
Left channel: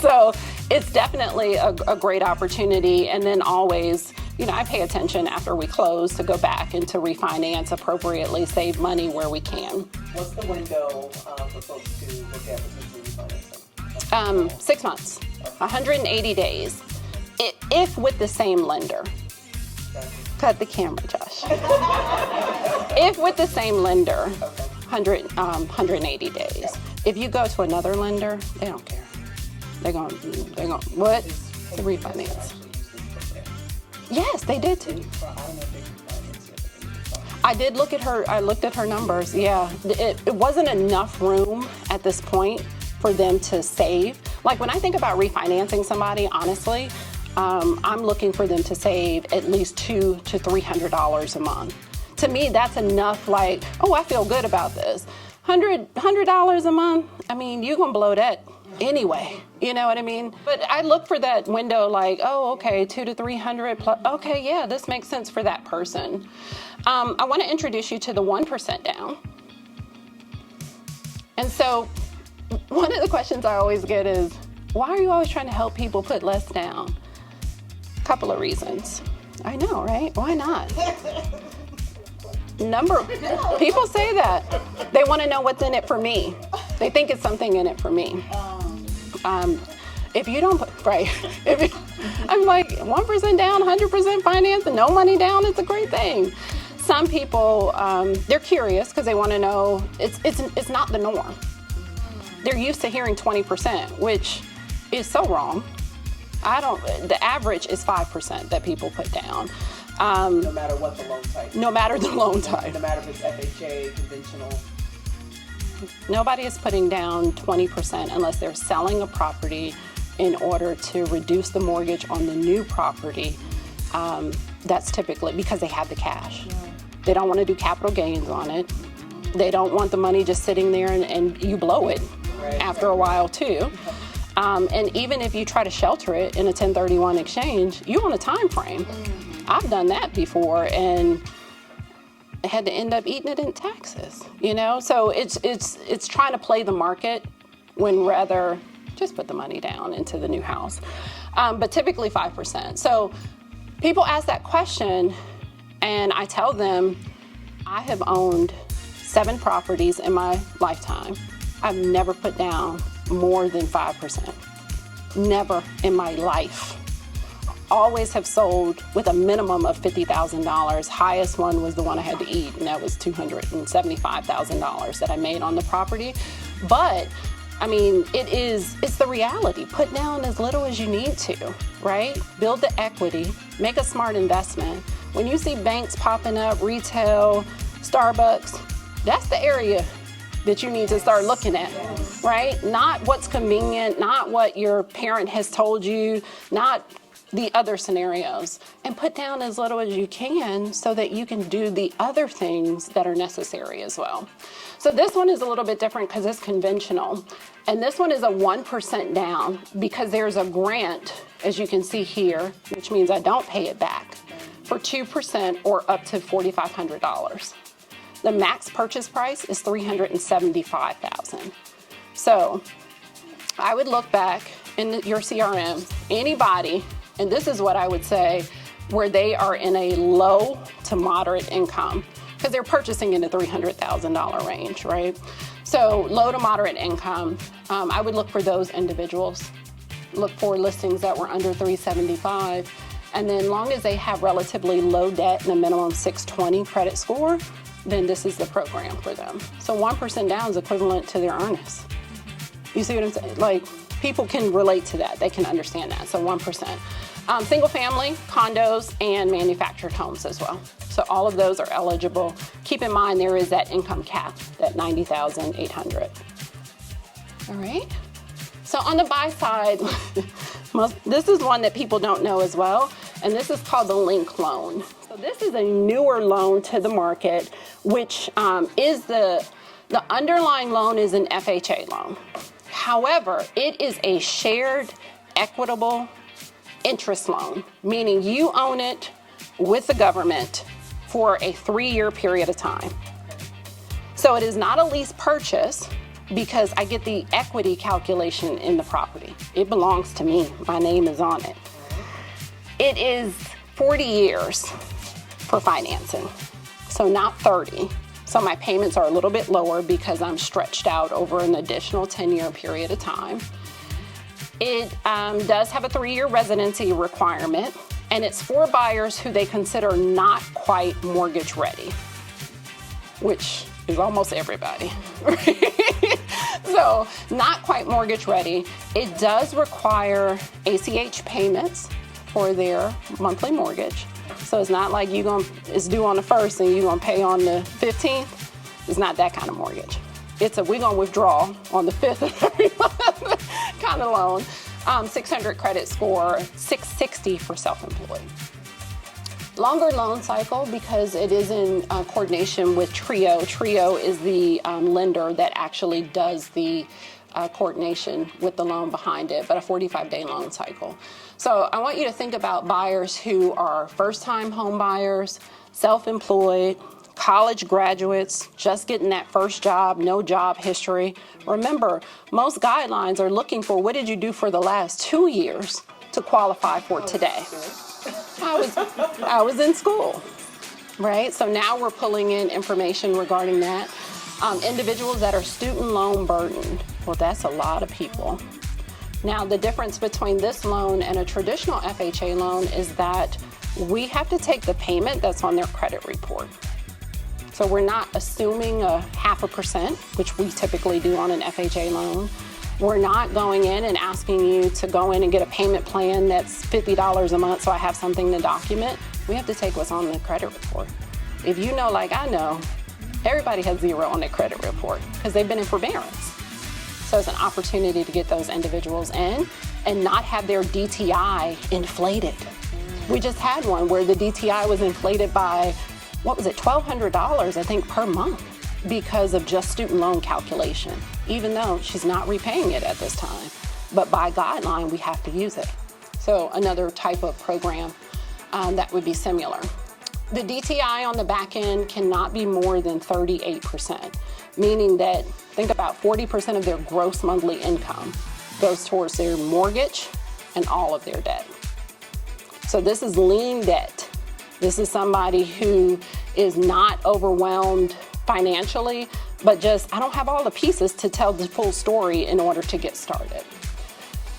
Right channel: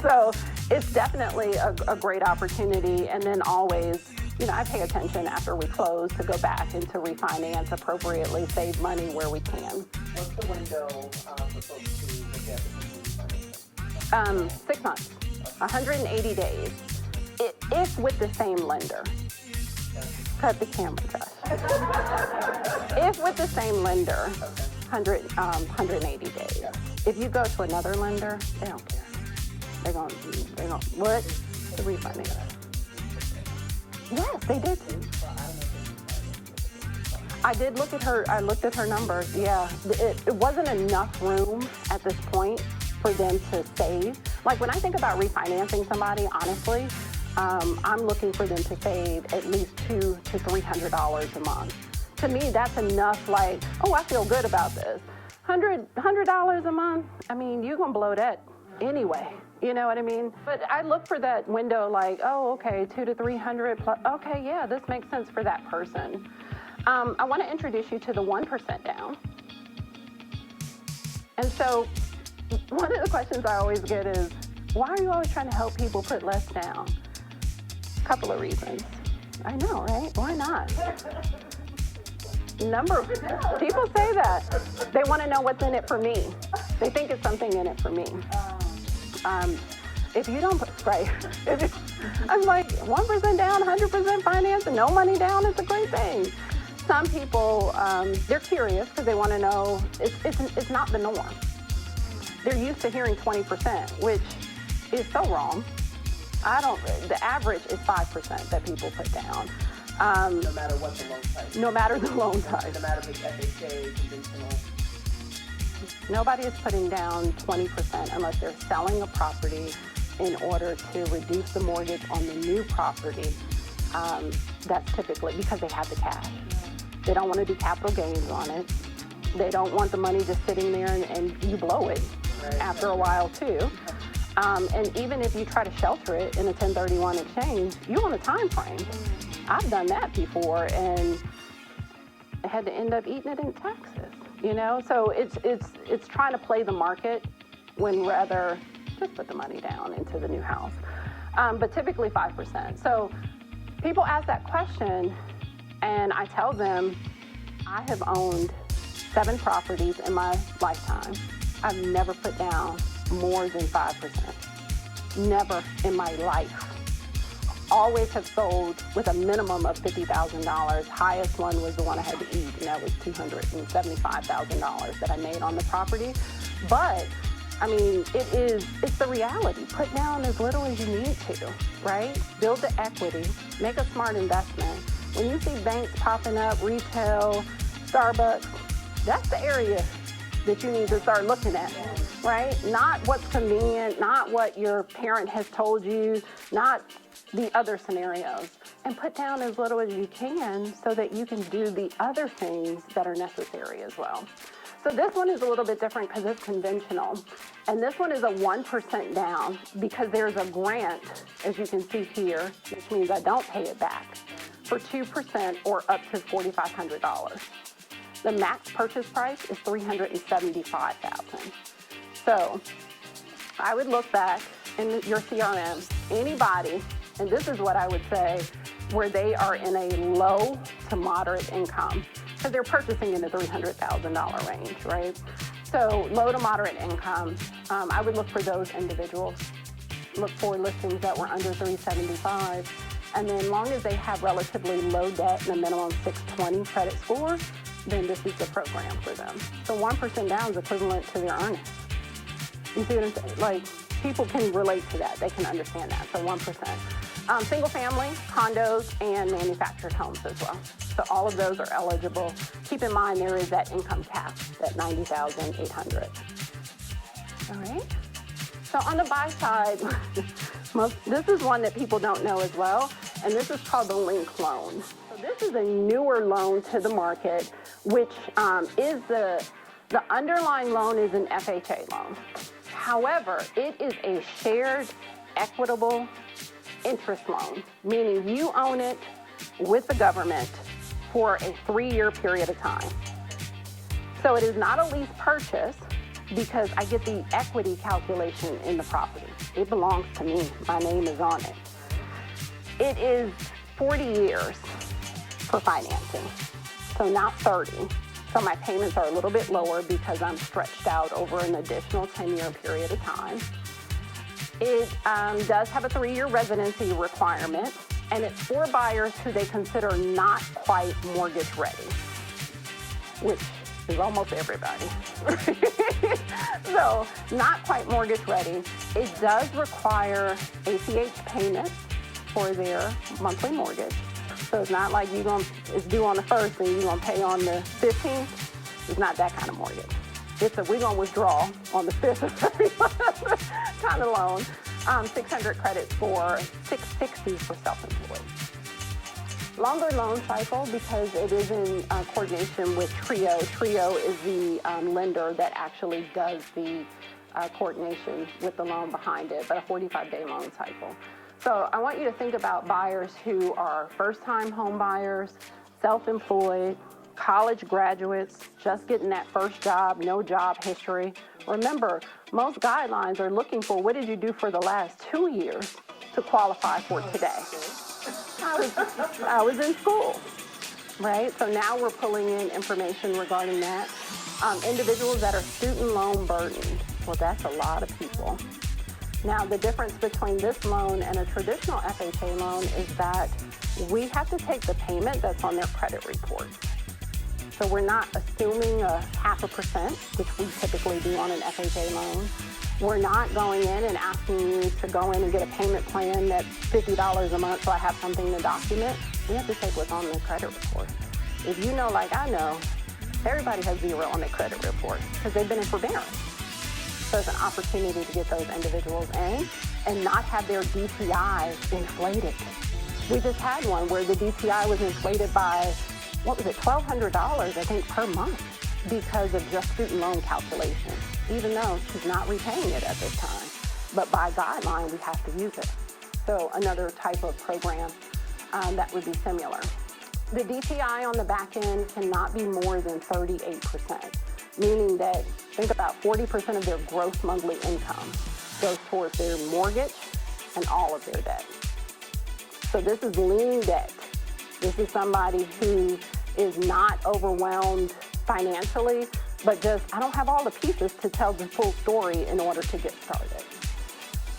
So it's definitely a great opportunity. And then always, you know, I pay attention after we close to go back and to refinance appropriately, save money where we can. What's the window for folks to look at refinancing? 6 months, 180 days, if with the same lender. Cut the camera, Josh. If with the same lender, 180 days. If you go to another lender, they don't care. They're going, what? The refinance. Yes, they did too. I did look at her, I looked at her numbers, yeah. It wasn't enough room at this point for them to save. Like when I think about refinancing somebody, honestly, I'm looking for them to save at least $200 to $300 a month. To me, that's enough, like, oh, I feel good about this. $100 a month, I mean, you're gonna blow that anyway, you know what I mean? But I look for that window like, oh, okay, 200 to 300 plus, okay, yeah, this makes sense for that person. I wanna introduce you to the 1% down. And so, one of the questions I always get is, why are you always trying to help people put less down? A couple of reasons. I know, right? Why not? People say that. They want to know what's in it for me. They think it's something in it for me. If you don't put, right, I'm like 1% down, 100% finance, and no money down, it's a great thing. Some people, they're curious because they want to know, it's not the norm. They're used to hearing 20%, which is so wrong. The average is 5% that people put down. No matter what the loan type. No matter the loan type. No matter if it's FHA, conventional. Nobody is putting down 20% unless they're selling a property in order to reduce the mortgage on the new property. That's typically because they have the cash. They don't want to do capital gains on it. They don't want the money just sitting there and you blow it after a while too. And even if you try to shelter it in a 1031 exchange, you want a time frame. I've done that before and had to end up eating it in taxes, you know? So it's trying to play the market when rather just put the money down into the new house. But typically 5%. So people ask that question and I tell them, I have owned 7 properties in my lifetime. I've never put down more than 5%. Never in my life. Always have sold with a minimum of $50,000. Highest one was the one I had to eat, and that was $275,000 that I made on the property. But I mean, it's the reality. Put down as little as you need to, right? Build the equity, make a smart investment. When you see banks popping up, retail, Starbucks, that's the area that you need to start looking at, right? Not what's convenient, not what your parent has told you, not the other scenarios. And put down as little as you can so that you can do the other things that are necessary as well. So this one is a little bit different because it's conventional. And this one is a 1% down because there's a grant, as you can see here, which means I don't pay it back, for 2% or up to $4,500. The max purchase price is $375,000. So I would look back in your CRM, anybody, and this is what I would say, where they are in a low to moderate income, because they're purchasing in the $300,000 range, right? So low to moderate income, I would look for those individuals. Look for listings that were under $375,000. And then long as they have relatively low debt and a minimum 620 credit score, then this is the program for them. So 1% down is equivalent to their earnings. You see what I'm saying? Like, people can relate to that. They can understand that, so 1%. Single family, condos, and manufactured homes as well. So all of those are eligible. Keep in mind there is that income cap, that $90,800. All right. So on the buy side, this is one that people don't know as well, and this is called the link loan. So this is a newer loan to the market, which is the underlying loan is an FHA loan. However, it is a shared equitable interest loan, meaning you own it with the government for a 3-year period of time. So it is not a lease purchase because I get the equity calculation in the property. It belongs to me. My name is on it. It is 40 years for financing, so not 30. So my payments are a little bit lower because I'm stretched out over an additional 10-year period of time. It does have a 3-year residency requirement, and it's for buyers who they consider not quite mortgage ready, which is almost everybody. So not quite mortgage ready. It does require ACH payments for their monthly mortgage. So it's not like it's due on the 1st and you're gonna pay on the 15th. It's not that kind of mortgage. we're gonna withdraw on the 5th of every month kind of loan. 600 credit score, 660 for self-employed. Longer loan cycle because it is in coordination with Trio. Trio is the lender that actually does the coordination with the loan behind it, but a 45-day loan cycle. So I want you to think about buyers who are first-time home buyers, self-employed, college graduates, just getting that first job, no job history. Remember, most guidelines are looking for what did you do for the last 2 years to qualify for today. I was in school, right? So now we're pulling in information regarding that. Individuals that are student loan burdened. Well, that's a lot of people. Now, the difference between this loan and a traditional FHA loan is that we have to take the payment that's on their credit report. So we're not assuming a 0.5%, which we typically do on an FHA loan. We're not going in and asking you to go in and get a payment plan that's $50 a month so I have something to document. We have to take what's on the credit report. If you know, like I know, everybody has 0 on their credit report because they've been in forbearance. So it's an opportunity to get those individuals in and not have their DTI inflated. We just had one where the DTI was inflated by, what was it, $1,200, I think, per month because of just student loan calculation, even though she's not repaying it at this time. But by guideline, we have to use it. So another type of program that would be similar. The DTI on the back end cannot be more than 38%, meaning that think about 40% of their gross monthly income goes towards their mortgage and all of their debt. So this is lean debt. This is somebody who is not overwhelmed financially, but just, I don't have all the pieces to tell the full story in order to get started.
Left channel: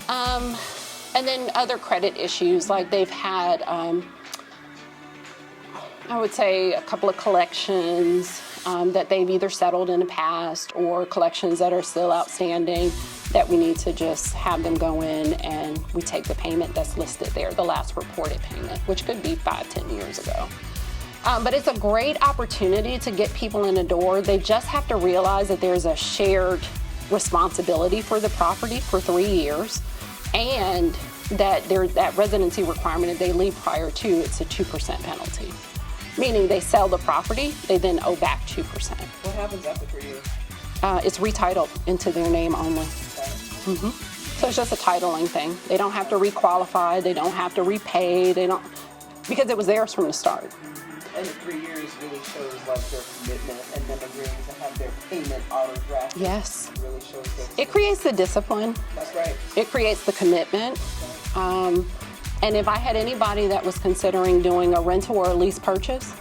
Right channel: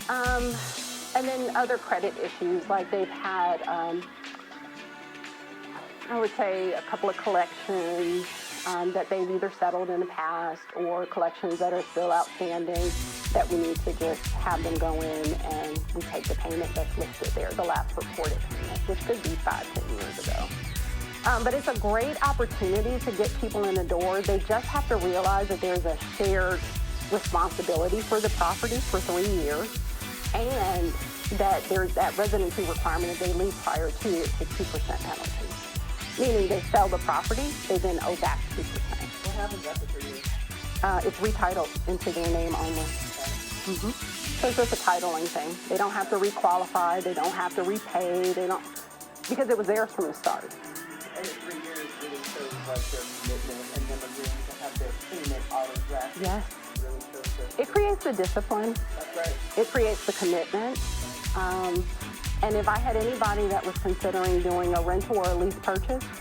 And then other credit issues, like they've had, I would say a couple of collections that they've either settled in the past or collections that are still outstanding that we need to just have them go in and we take the payment that's listed there, the last reported payment, which could be 5-10 years ago. But it's a great opportunity to get people in the door. They just have to realize that there's a shared responsibility for the property for 3 years, and that there's that residency requirement if they leave prior to, it's a 2% penalty. Meaning they sell the property, they then owe back 2%. What happens after 3 years? It's retitled into their name only. So it's just a titling thing. They don't have to requalify, they don't have to repay, they don't, because it was theirs from the start. And the 3 years really shows like their commitment and them agreeing to have their payment auto-drafted. Yes. It really shows that. It creates the discipline. That's right. It creates the commitment. And if I had anybody that was considering doing a rental or a lease purchase,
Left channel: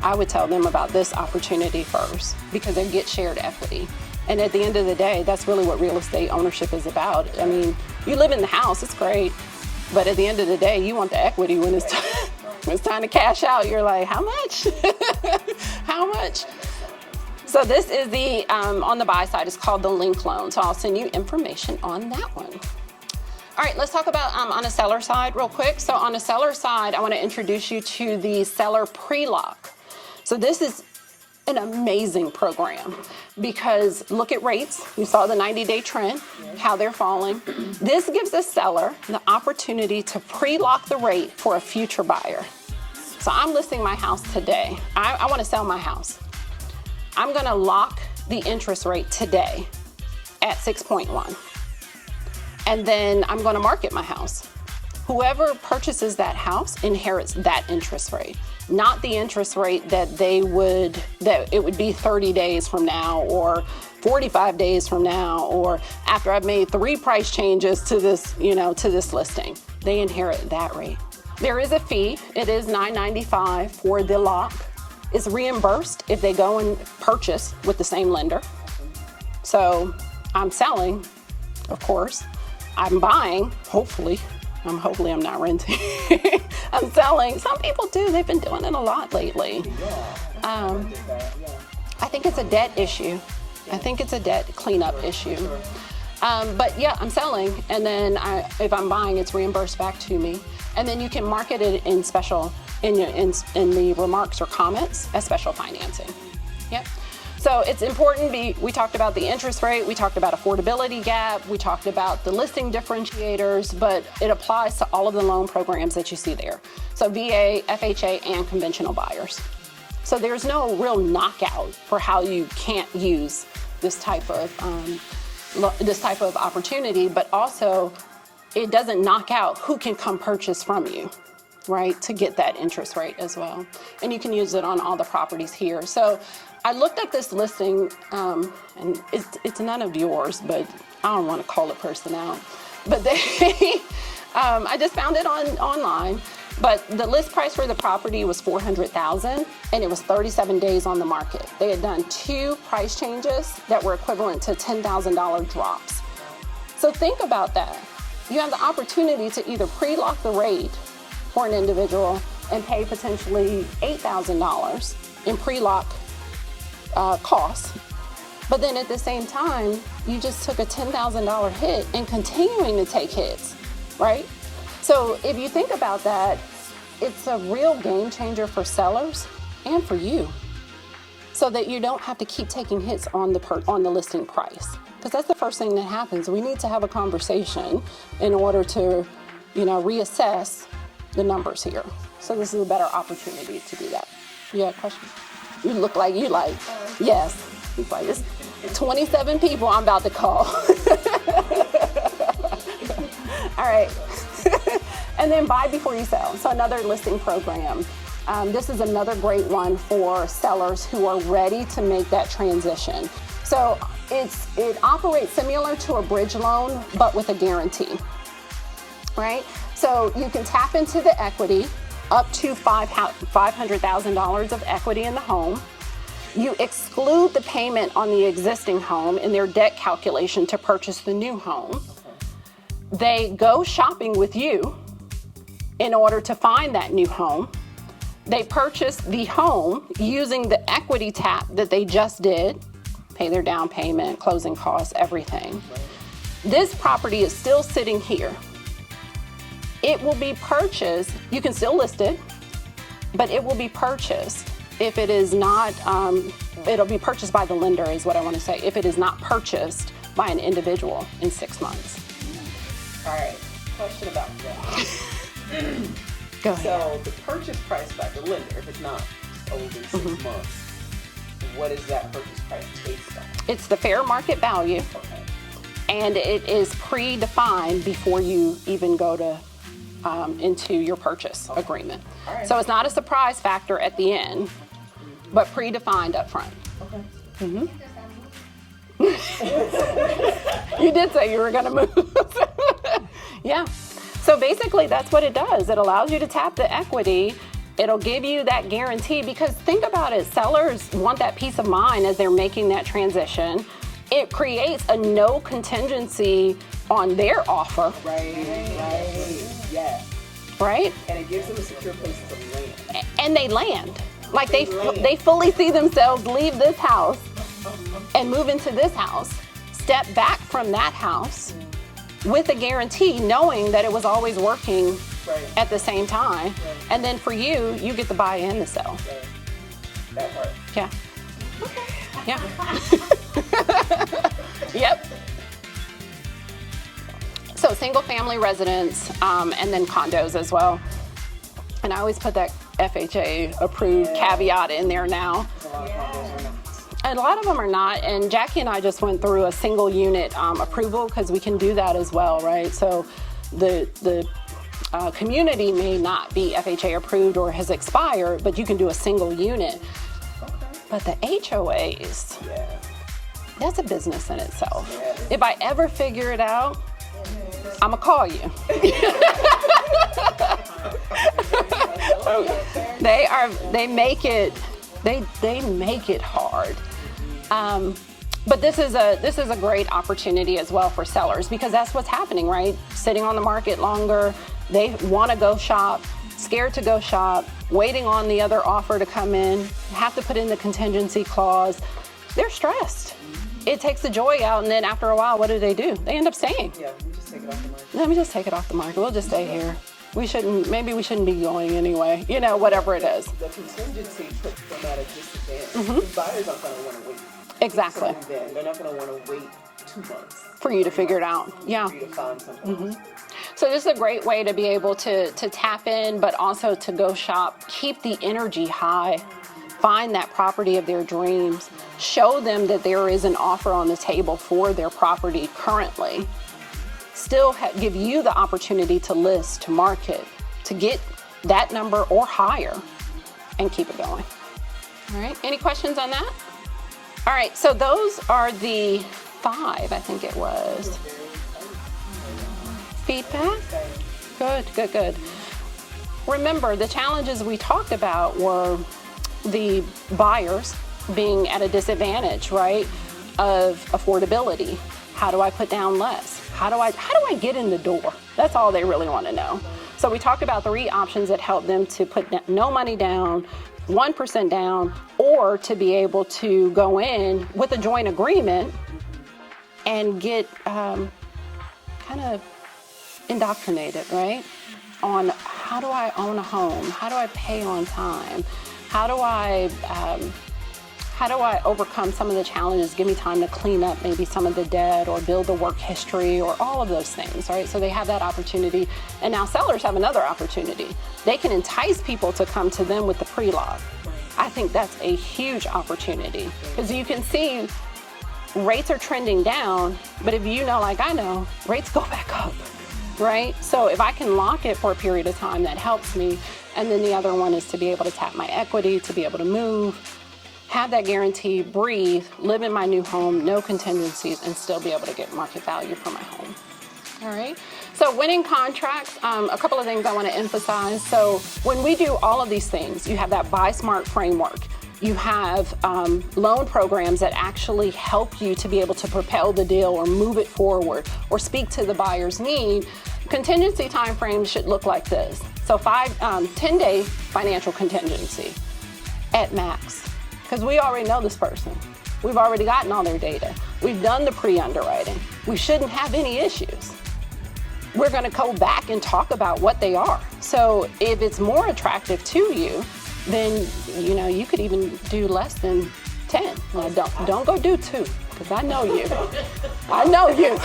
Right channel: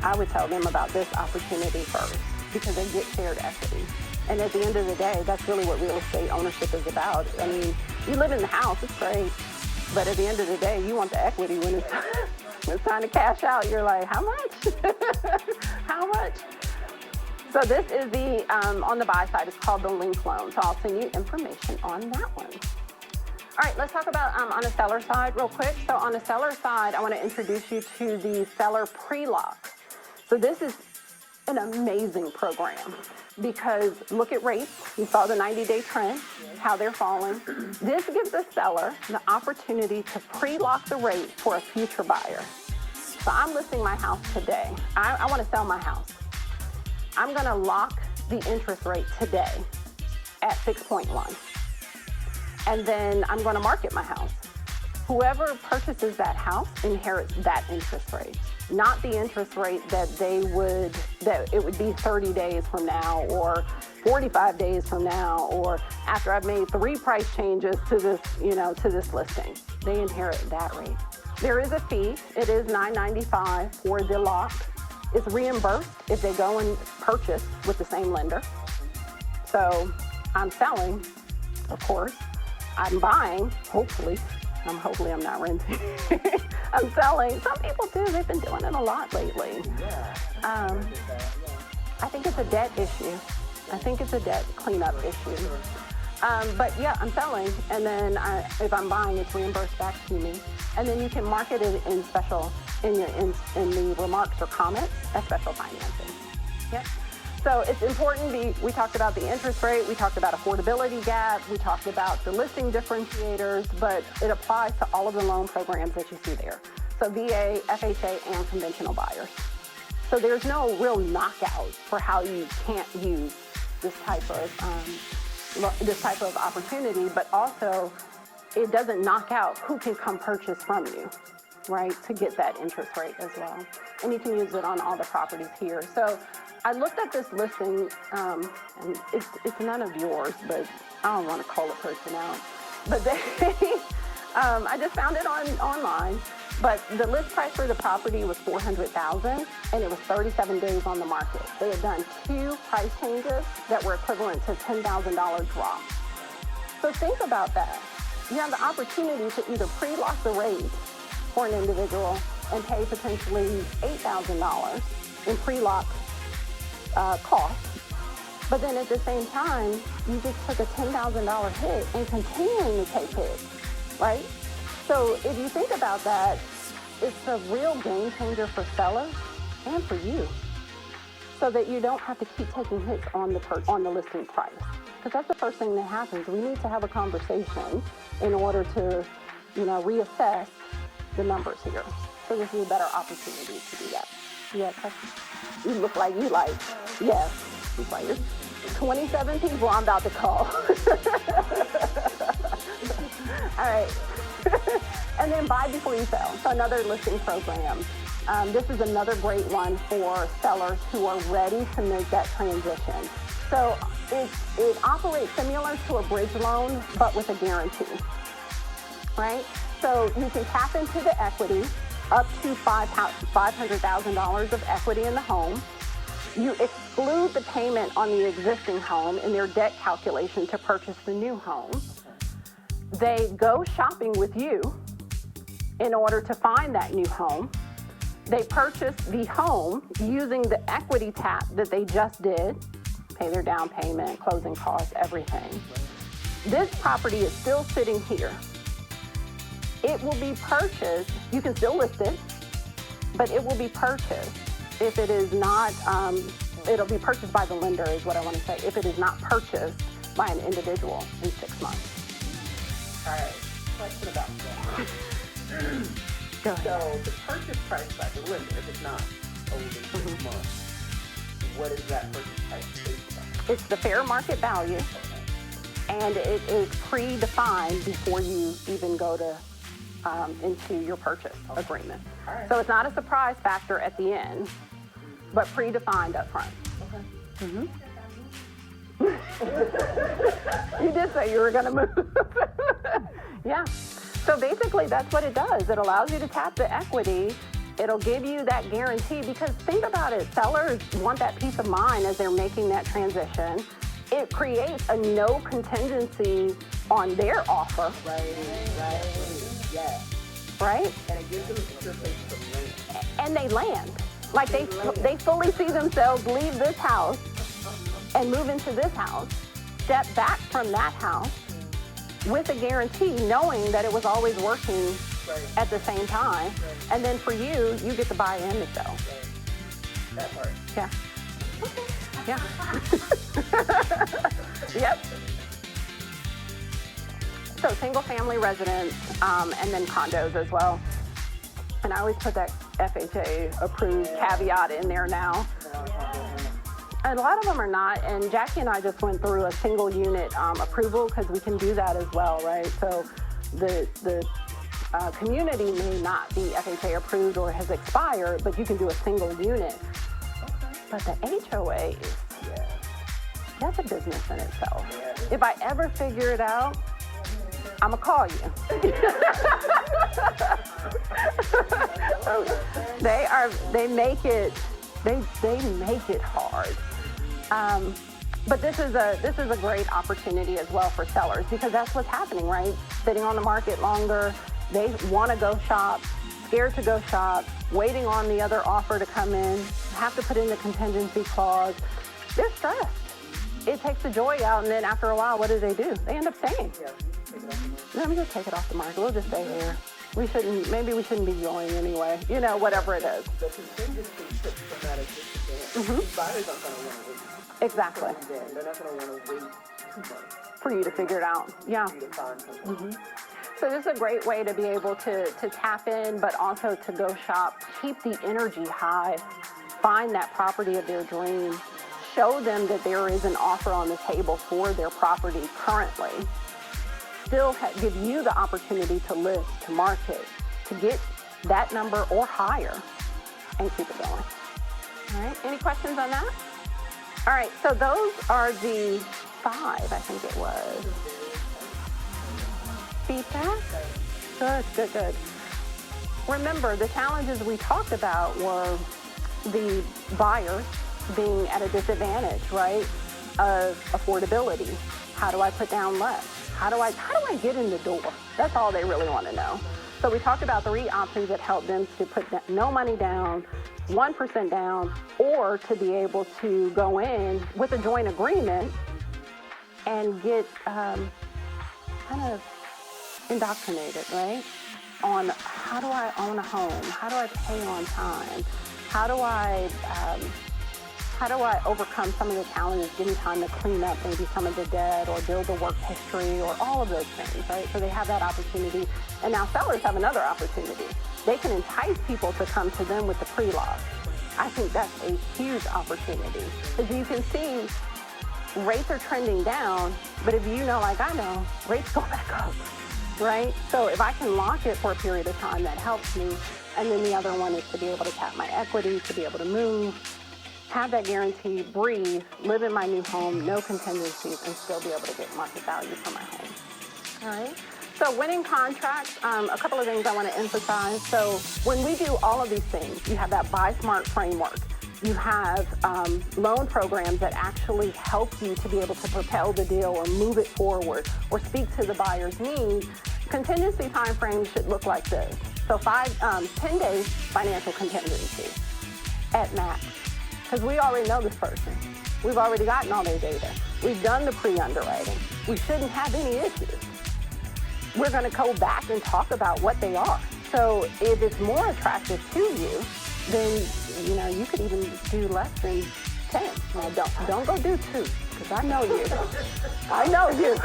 I would tell them about this opportunity first because they get shared equity. And at the end of the day, that's really what real estate ownership is about. I mean, you live in the house, it's great. But at the end of the day, you want the equity when it's time. When it's time to cash out, you're like, how much? How much? So this is the, on the buy side, it's called the link loan. So I'll send you information on that one. All right, let's talk about on the seller side real quick. So on the seller side, I want to introduce you to the seller pre-lock. So this is an amazing program because look at rates. You saw the 90-day trend, how they're falling. This gives the seller the opportunity to pre-lock the rate for a future buyer. So I'm listing my house today. I want to sell my house. I'm going to lock the interest rate today at 6.1. And then I'm going to market my house. Whoever purchases that house inherits that interest rate, not the interest rate that that it would be 30 days from now or 45 days from now or after I've made 3 price changes to this, to this listing. They inherit that rate. There is a fee. It is $9.95 for the lock. It's reimbursed if they go and purchase with the same lender. So I'm selling, of course. I'm buying, hopefully I'm not renting. I'm selling. Some people do. They've been doing it a lot lately. I think it's a debt issue. I think it's a debt cleanup issue. But yeah, I'm selling, and then if I'm buying, it's reimbursed back to me. And then you can market it in special, in the remarks or comments as special financing. Yep. So it's important, we talked about the interest rate, we talked about affordability gap, we talked about the listing differentiators, but it applies to all of the loan programs that you see there. So VA, FHA, and conventional buyers. So there's no real knockout for how you can't use this type of opportunity, but also it doesn't knock out who can come purchase from you, right, to get that interest rate as well. And you can use it on all the properties here. So I looked at this listing, and it's none of yours, but I don't want to call a person out. But I just found it online. But the list price for the property was $400,000, and it was 37 days on the market. They had done 2 price changes that were equivalent to $10,000 drops. So think about that. You have the opportunity to either pre-lock the rate for an individual and pay potentially $8,000 in pre-lock costs, but then at the same time, you just took a $10,000 hit and continuing to take hits, right? So if you think about that, it's a real game changer for sellers and for you, so that you don't have to keep taking hits on the listing price, because that's the first thing that happens. We need to have a conversation in order to, reassess the numbers here. So this is a better opportunity to do that. You have a question? You look like you like, yes. He's like, it's 27 people I'm about to call. All right. And then buy before you sell. So another listing program. This is another great one for sellers who are ready to make that transition. So it operates similar to a bridge loan, but with a guarantee, right? So you can tap into the equity up to $500,000 of equity in the home. You exclude the payment on the existing home in their debt calculation to purchase the new home. They go shopping with you in order to find that new home. They purchase the home using the equity tap that they just did, pay their down payment, closing costs, everything. This property is still sitting here. It will be purchased, you can still list it, but it will be purchased if it is not, it'll be purchased by the lender is what I want to say, if it is not purchased by an individual in 6 months. All right, question about that. Go ahead. So the purchase price by the lender, if it's not over 6 months, what is that purchase price based on? It's the fair market value, and it is predefined before you even go to into your purchase agreement. Right. So it's not a surprise factor at the end, but predefined up front. You did say you were going to move. Yeah. So basically that's what it does. It allows you to tap the equity. It'll give you that guarantee, because think about it, sellers want that peace of mind as they're making that transition. It creates a no contingency on their offer. Right, yeah. Right? And it gives them a secure place to land. And they land. Like they fully see themselves leave this house and move into this house, step back from that house with a guarantee, knowing that it was always working at the same time. And then for you, you get to buy and to sell. That part. Yeah. Yeah. Yep. So single family residence, and then condos as well. And I always put that FHA approved caveat in there now. A lot of them are not, and Jackie and I just went through a single unit approval, because we can do that as well, right? So the community may not be FHA approved or has expired, but you can do a single unit. But the HOAs, that's a business in itself. If I ever figure it out, I'm gonna call you. They make it hard. But this is a great opportunity as well for sellers, because that's what's happening, right? Sitting on the market longer, they want to go shop, scared to go shop, waiting on the other offer to come in, have to put in the contingency clause. They're stressed. It takes the joy out, and then after a while, what do? They end up staying. Yeah, just take it off the market. Let me just take it off the market. We'll just stay here. Maybe we shouldn't be going anyway. Whatever it is. The contingency puts them at a disadvantage. Buyers aren't going to want to wait. Exactly. Then they're not going to want to wait 2 months For you to figure it out. Yeah. for you to find something. So this is a great way to be able to tap in, but also to go shop, keep the energy high, find that property of their dreams, show them that there is an offer on the table for their property currently, still give you the opportunity to list, to market, to get that number or higher, and keep it going. All right, any questions on that? All right, so those are the 5, I think it was. Feedback? Good, good, good. Remember, the challenges we talked about were the buyers being at a disadvantage, right, of affordability. How do I put down less? How do I get in the door? That's all they really want to know. So we talked about 3 options that help them to put no money down, 1% down, or to be able to go in with a joint agreement and get kind of indoctrinated, right? On how do I own a home? How do I pay on time? How do I overcome some of the challenges? Give me time to clean up maybe some of the debt or build the work history or all of those things, right? So they have that opportunity. And now sellers have another opportunity. They can entice people to come to them with the pre-log. I think that's a huge opportunity because you can see rates are trending down, but if you know, like I know, rates go back up, right? So if I can lock it for a period of time, that helps me. And then the other one is to be able to tap my equity, to be able to move, have that guarantee, breathe, live in my new home, no contingencies, and still be able to get market value for my home. All right, so winning contracts, a couple of things I want to emphasize. So when we do all of these things, you have that Buy Smart framework. You have loan programs that actually help you to be able to propel the deal or move it forward or speak to the buyer's need. Contingency timeframes should look like this. So 10-day financial contingency at max, because we already know this person. We've already gotten all their data. We've done the pre-underwriting. We shouldn't have any issues. We're going to go back and talk about what they are. So if it's more attractive to you, then you could even do less than 10. Now don't go do 2, because I know you. I know you.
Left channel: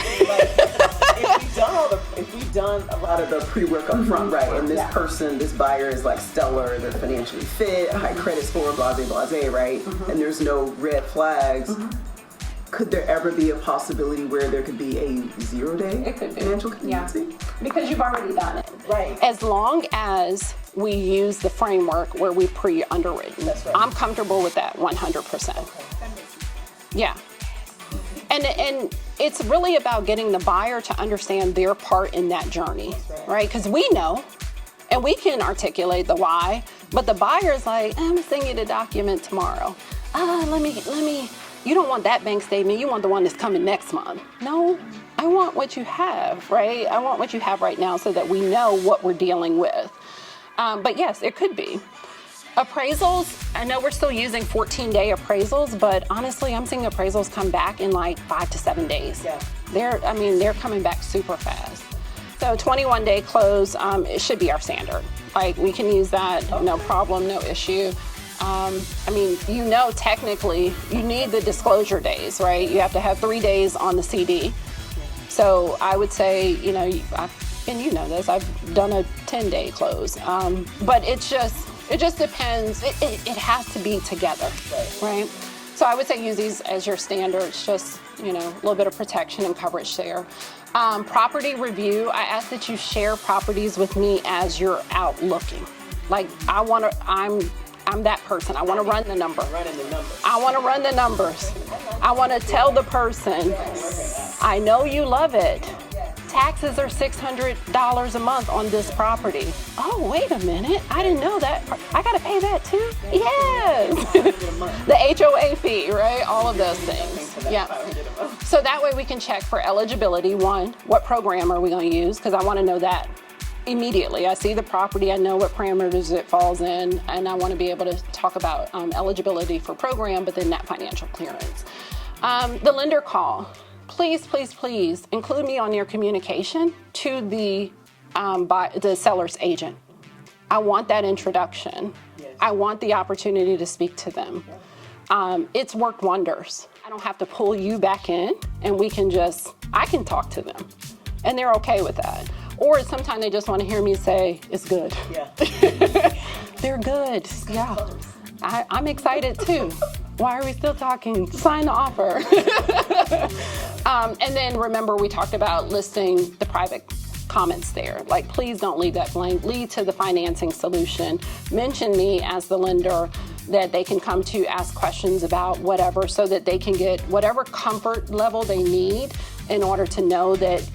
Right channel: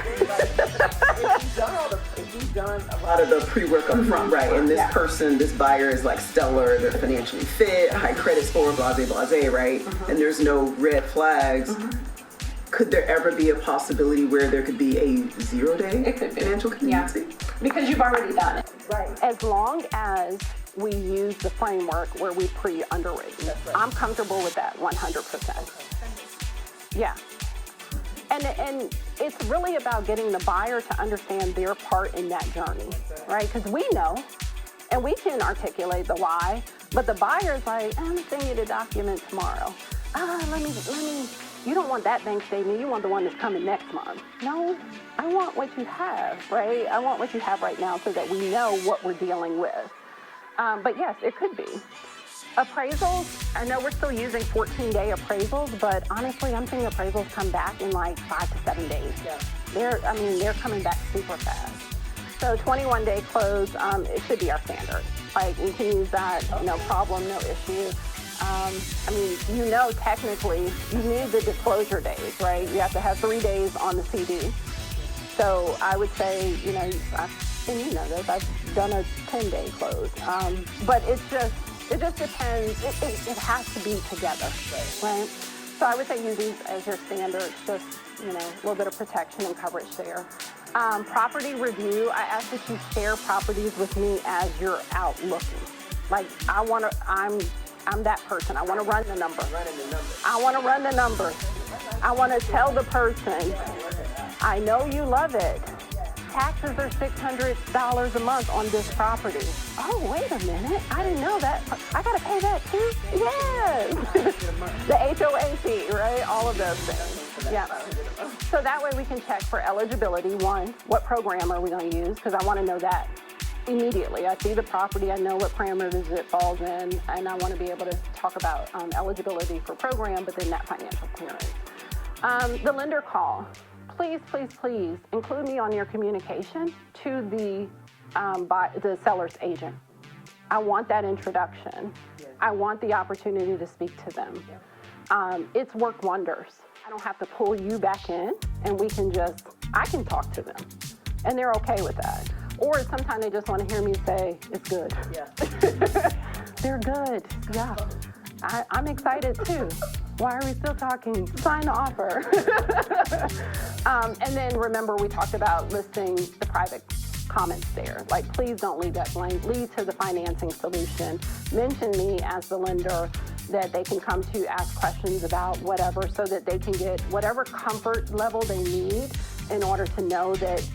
If we've done a lot of the pre-work up front, right, and this buyer is like stellar, they're financially fit, high credit score, blase, right, and there's no red flags, could there ever be a possibility where there could be a 0-day financial contingency? Yeah. Because you've already done it. Right. As long as we use the framework where we pre-underwritten. That's right. I'm comfortable with that 100%. Yeah. And it's really about getting the buyer to understand their part in that journey, right? Because we know, and we can articulate the why, but the buyer's like, I'm gonna send you the document tomorrow. Let me, you don't want that bank statement, you want the one that's coming next month. No, I want what you have, right? I want what you have right now so that we know what we're dealing with. But yes, it could be. Appraisals, I know we're still using 14-day appraisals, but honestly, I'm seeing appraisals come back in like 5 to 7 days. Yeah. They're coming back super fast. So 21-day close, it should be our standard. Like we can use that, no problem, no issue. Technically, you need the disclosure days, right? You have to have 3 days on the CD. So I would say, and you know this, I've done a 10-day close. But it just depends. It has to be together, right? So I would say use these as your standards, just, a little bit of protection and coverage there. Property review, I ask that you share properties with me as you're out looking. Like I'm that person. I want to run the number. I want to run the numbers. I want to tell the person, I know you love it. Taxes are $600 a month on this property. Oh, wait a minute. I didn't know that. I got to pay that too? Yes. The HOA fee, right? All of those things. Yeah. So that way we can check for eligibility. One, what program are we going to use? Because I want to know that immediately. I see the property, I know what parameters it falls in, and I want to be able to talk about eligibility for program, but then that financial clearance. The lender call. Please, please, please include me on your communication to the seller's agent. I want that introduction. Yes. I want the opportunity to speak to them. it's worked wonders. I don't have to pull you back in, and I can talk to them, and they're okay with that. Or sometimes they just want to hear me say, it's good. Yeah. They're good, yeah. I'm excited too. Why are we still talking? Sign the offer. And then remember, we talked about listing the private comments there. Like, please don't leave that blank. Lead to the financing solution. Mention me as the lender that they can come to ask questions about whatever, so that they can get whatever comfort level they need in order to know that,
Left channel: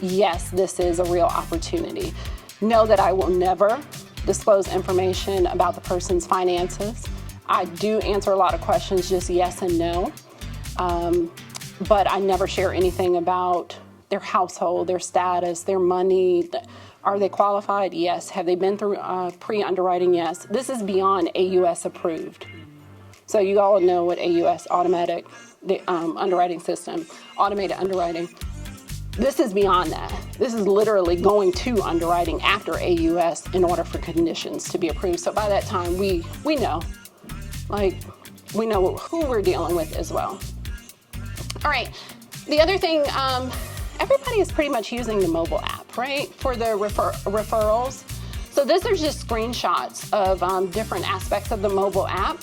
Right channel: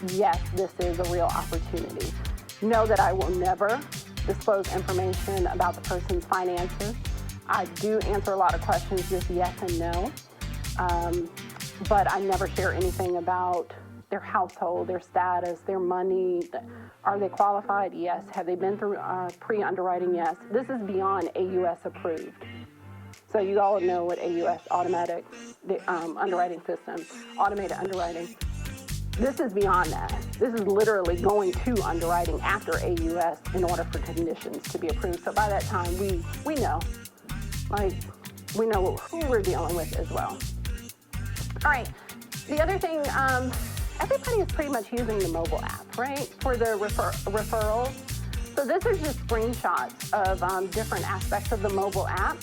yes, this is a real opportunity. Know that I will never disclose information about the person's finances. I do answer a lot of questions, just yes and no. But I never share anything about their household, their status, their money. Are they qualified? Yes. Have they been through pre-underwriting? Yes. This is beyond AUS approved. So you all know what AUS, automatic underwriting system, automated underwriting. This is beyond that. This is literally going to underwriting after AUS in order for conditions to be approved. So by that time, we know, like, we know who we're dealing with as well. All right, the other thing, everybody is pretty much using the mobile app, right, for the referrals. So these are just screenshots of different aspects of the mobile app.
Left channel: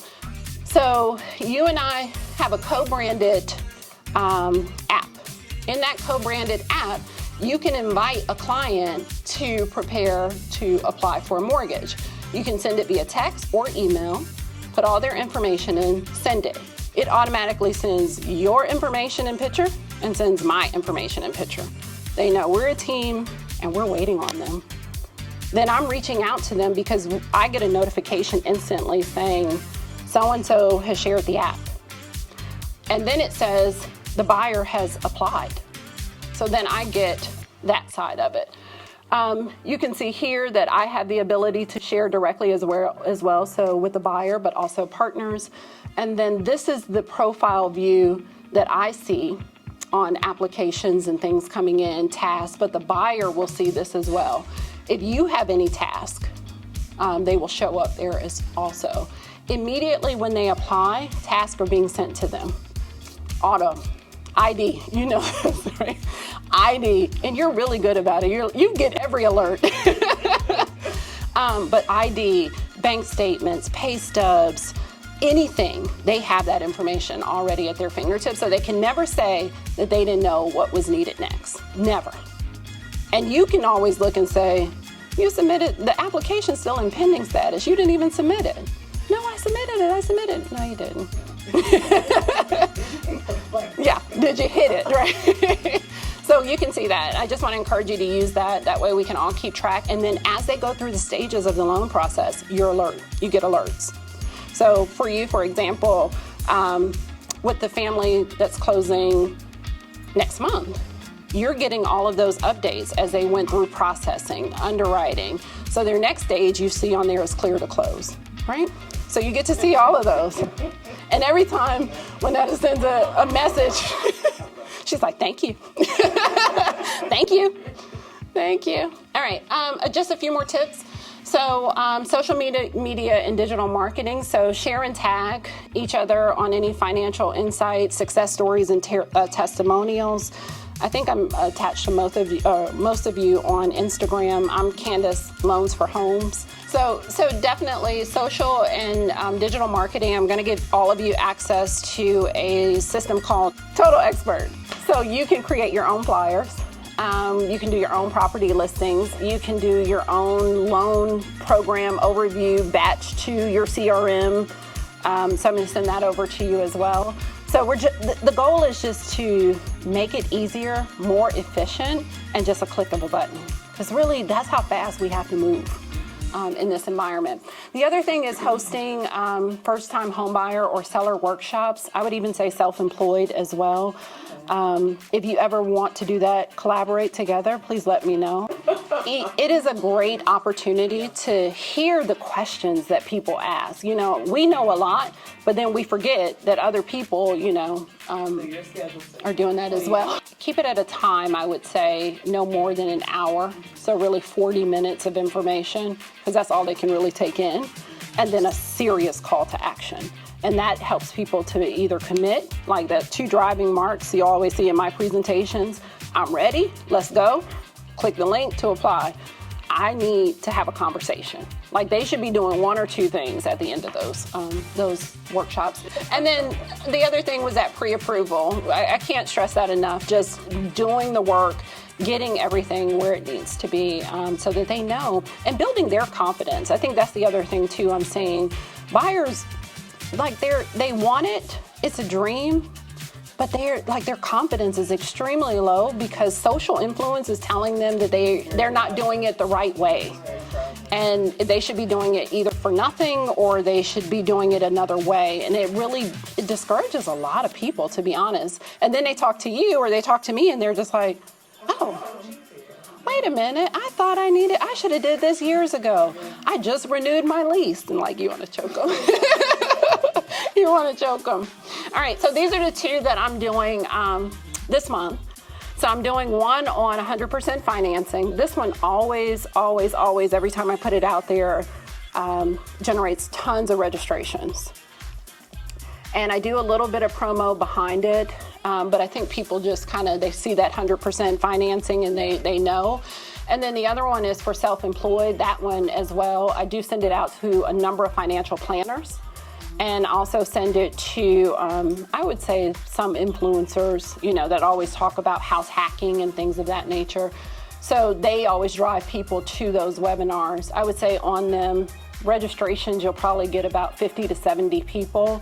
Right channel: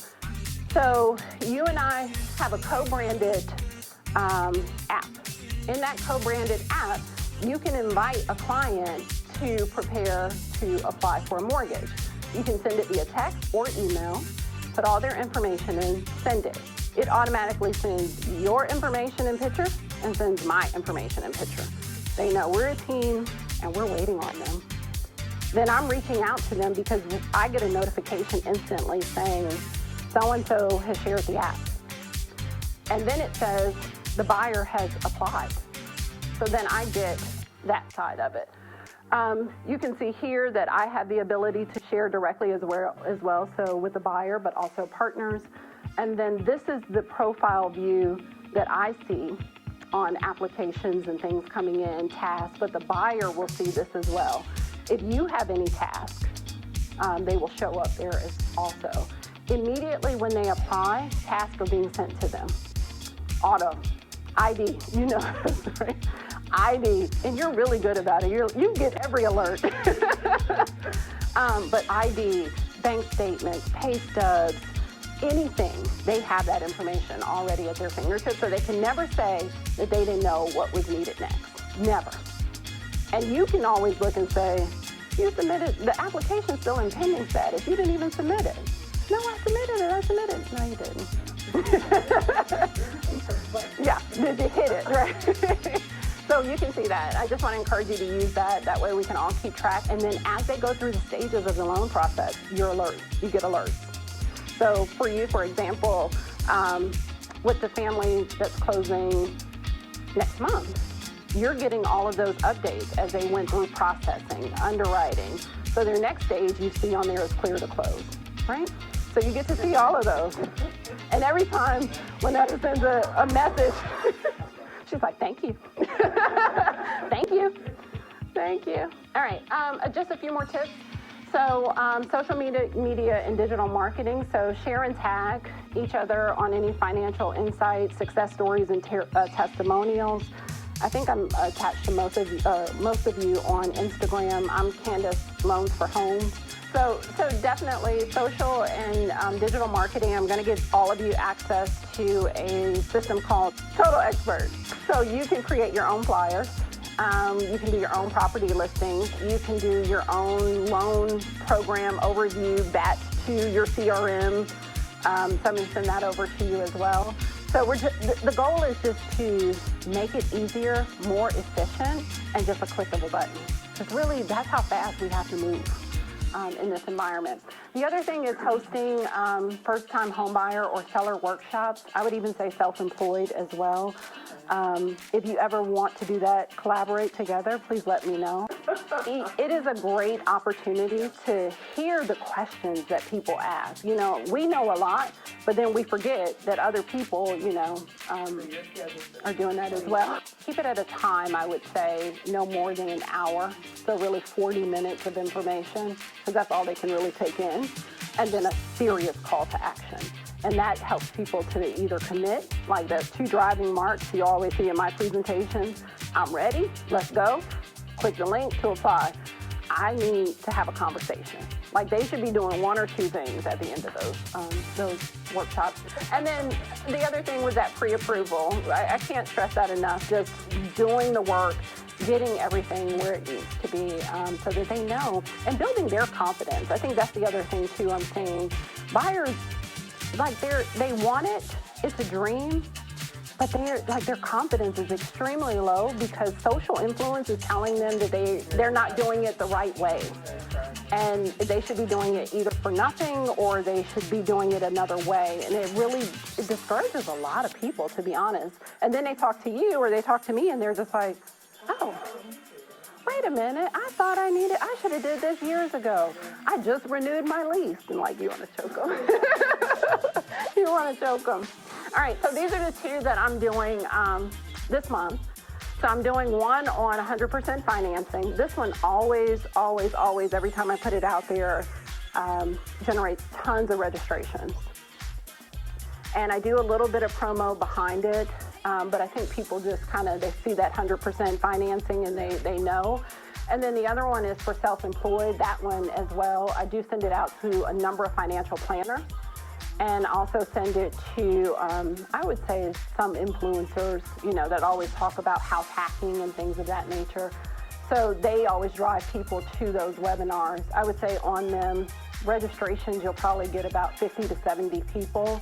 So you and I have a co-branded app. In that co-branded app, you can invite a client to prepare to apply for a mortgage. You can send it via text or email, put all their information in, send it. It automatically sends your information and picture and sends my information and picture. They know we're a team and we're waiting on them. Then I'm reaching out to them because I get a notification instantly saying so-and-so has shared the app. And then it says the buyer has applied. So then I get that side of it. You can see here that I have the ability to share directly as well, so with the buyer, but also partners. And then this is the profile view that I see on applications and things coming in, tasks, but the buyer will see this as well. If you have any task, they will show up there as also. Immediately when they apply, tasks are being sent to them. Auto, ID, you know this, right? ID, and you're really good about it. You get every alert. But ID, bank statements, pay stubs, anything, they have that information already at their fingertips, so they can never say that they didn't know what was needed next. Never. And you can always look and say, you submitted, the application's still in pending status. You didn't even submit it. No, I submitted it. No, you didn't. Yeah, did you hit it, right? So you can see that. I just want to encourage you to use that. That way we can all keep track. And then as they go through the stages of the loan process, you're alert. You get alerts. So for you, for example, with the family that's closing next month, you're getting all of those updates as they went through processing, underwriting. So their next stage you see on there is clear to close, right? So you get to see all of those. And every time Lynetta sends a message, she's like, thank you. Thank you. Thank you. All right, just a few more tips. So social media and digital marketing. So share and tag each other on any financial insights, success stories, and testimonials. I think I'm attached to most of you on Instagram. I'm Candice Loans for Homes. So definitely social and digital marketing. I'm going to give all of you access to a system called Total Expert. So you can create your own flyers. You can do your own property listings. You can do your own loan program overview, batch to your CRM. So I'm going to send that over to you as well. So the goal is just to make it easier, more efficient, and just a click of a button. Because really, that's how fast we have to move in this environment. The other thing is hosting first-time homebuyer or seller workshops. I would even say self-employed as well. If you ever want to do that, collaborate together, please let me know. It is a great opportunity to hear the questions that people ask. You know, we know a lot, but then we forget that other people, you know, are doing that as well. Keep it at a time, I would say, no more than an hour. So really 40 minutes of information, because that's all they can really take in. And then a serious call to action. And that helps people to either commit, like the 2 driving marks you always see in my presentations. I'm ready, let's go. Click the link to apply. I need to have a conversation. Like they should be doing 1 or 2 things at the end of those workshops. And then the other thing was that pre-approval. I can't stress that enough, just doing the work, getting everything where it needs to be so that they know, and building their confidence. I think that's the other thing too I'm saying. Buyers, like they want it, it's a dream, but their confidence is extremely low because social influence is telling them that they're not doing it the right way. And they should be doing it either for nothing or they should be doing it another way. And it discourages a lot of people, to be honest. And then they talk to you or they talk to me and they're just like, oh, wait a minute, I should have did this years ago. I just renewed my lease. And like, you want to choke them. You want to choke them. All right, so these are the 2 that I'm doing this month. So I'm doing one on 100% financing. This one always, every time I put it out there, generates tons of registrations. And I do a little bit of promo behind it, but I think people just they see that 100% financing and they know. And then the other one is for self-employed, that one as well. I do send it out to a number of financial planners and also send it to, I would say, some influencers, that always talk about house hacking and things of that nature. So they always drive people to those webinars. I would say on them, registrations, you'll probably get about 50 to 70 people.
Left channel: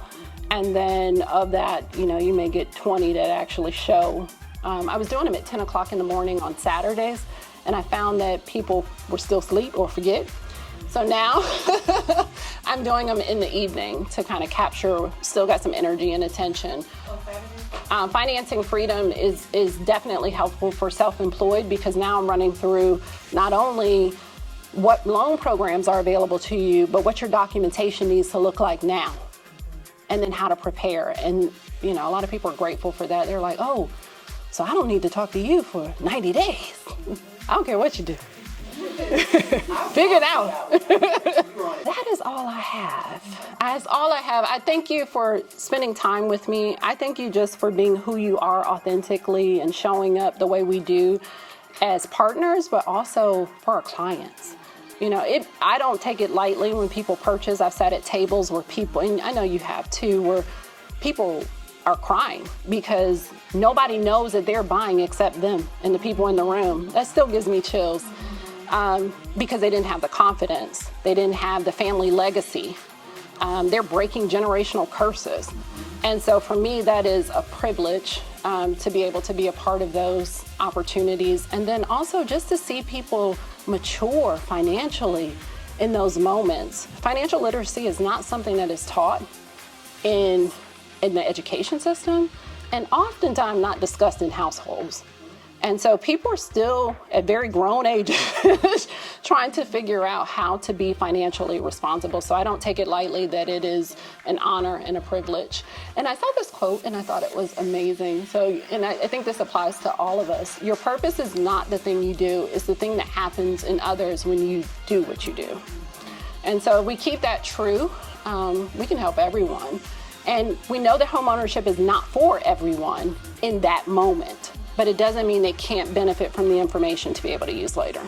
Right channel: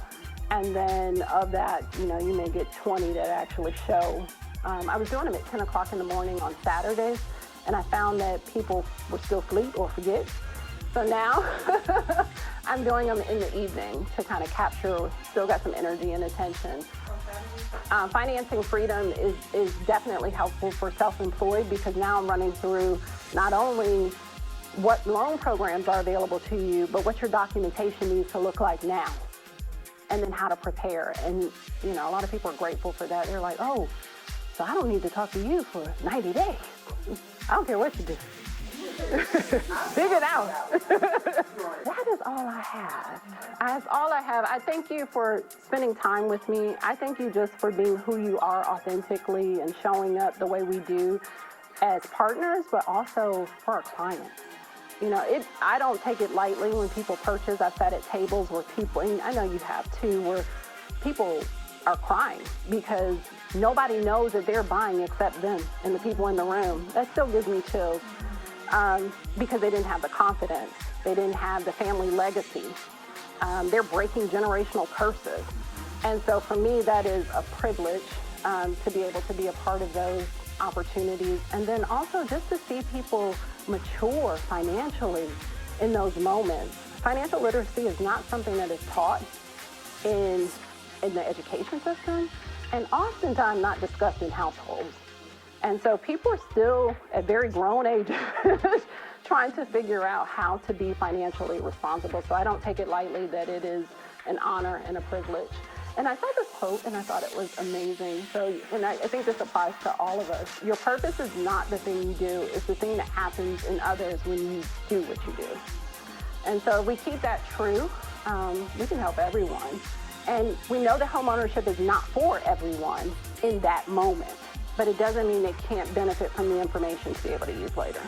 And then of that, you may get 20 that actually show. I was doing them at 10 o'clock in the morning on Saturdays, and I found that people were still asleep or forget. So now I'm doing them in the evening to kind of capture, still got some energy and attention. Financing freedom is definitely helpful for self-employed because now I'm running through not only what loan programs are available to you, but what your documentation needs to look like now. And then how to prepare. And, a lot of people are grateful for that. They're like, oh, so I don't need to talk to you for 90 days. I don't care what you do. Figure it out. That is all I have. That's all I have. I thank you for spending time with me. I thank you just for being who you are authentically and showing up the way we do as partners, but also for our clients. I don't take it lightly when people purchase. I've sat at tables where people, and I know you have too, where people are crying because nobody knows that they're buying except them and the people in the room. That still gives me chills because they didn't have the confidence. They didn't have the family legacy. They're breaking generational curses. And so for me, that is a privilege to be able to be a part of those opportunities. And then also just to see people mature financially in those moments. Financial literacy is not something that is taught in the education system and oftentimes not discussed in households. And so people are still at very grown ages trying to figure out how to be financially responsible. So I don't take it lightly that it is an honor and a privilege. And I saw this quote and I thought it was amazing. So, and I think this applies to all of us. Your purpose is not the thing you do, it's the thing that happens in others when you do what you do. And so if we keep that true, we can help everyone. And we know that homeownership is not for everyone in that moment, but it doesn't mean they can't benefit from the information to be able to use later.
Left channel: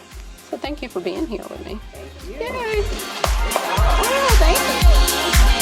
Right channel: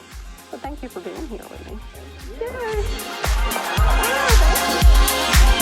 So thank you for being here with me. Thank you. Yay. Oh, thank you.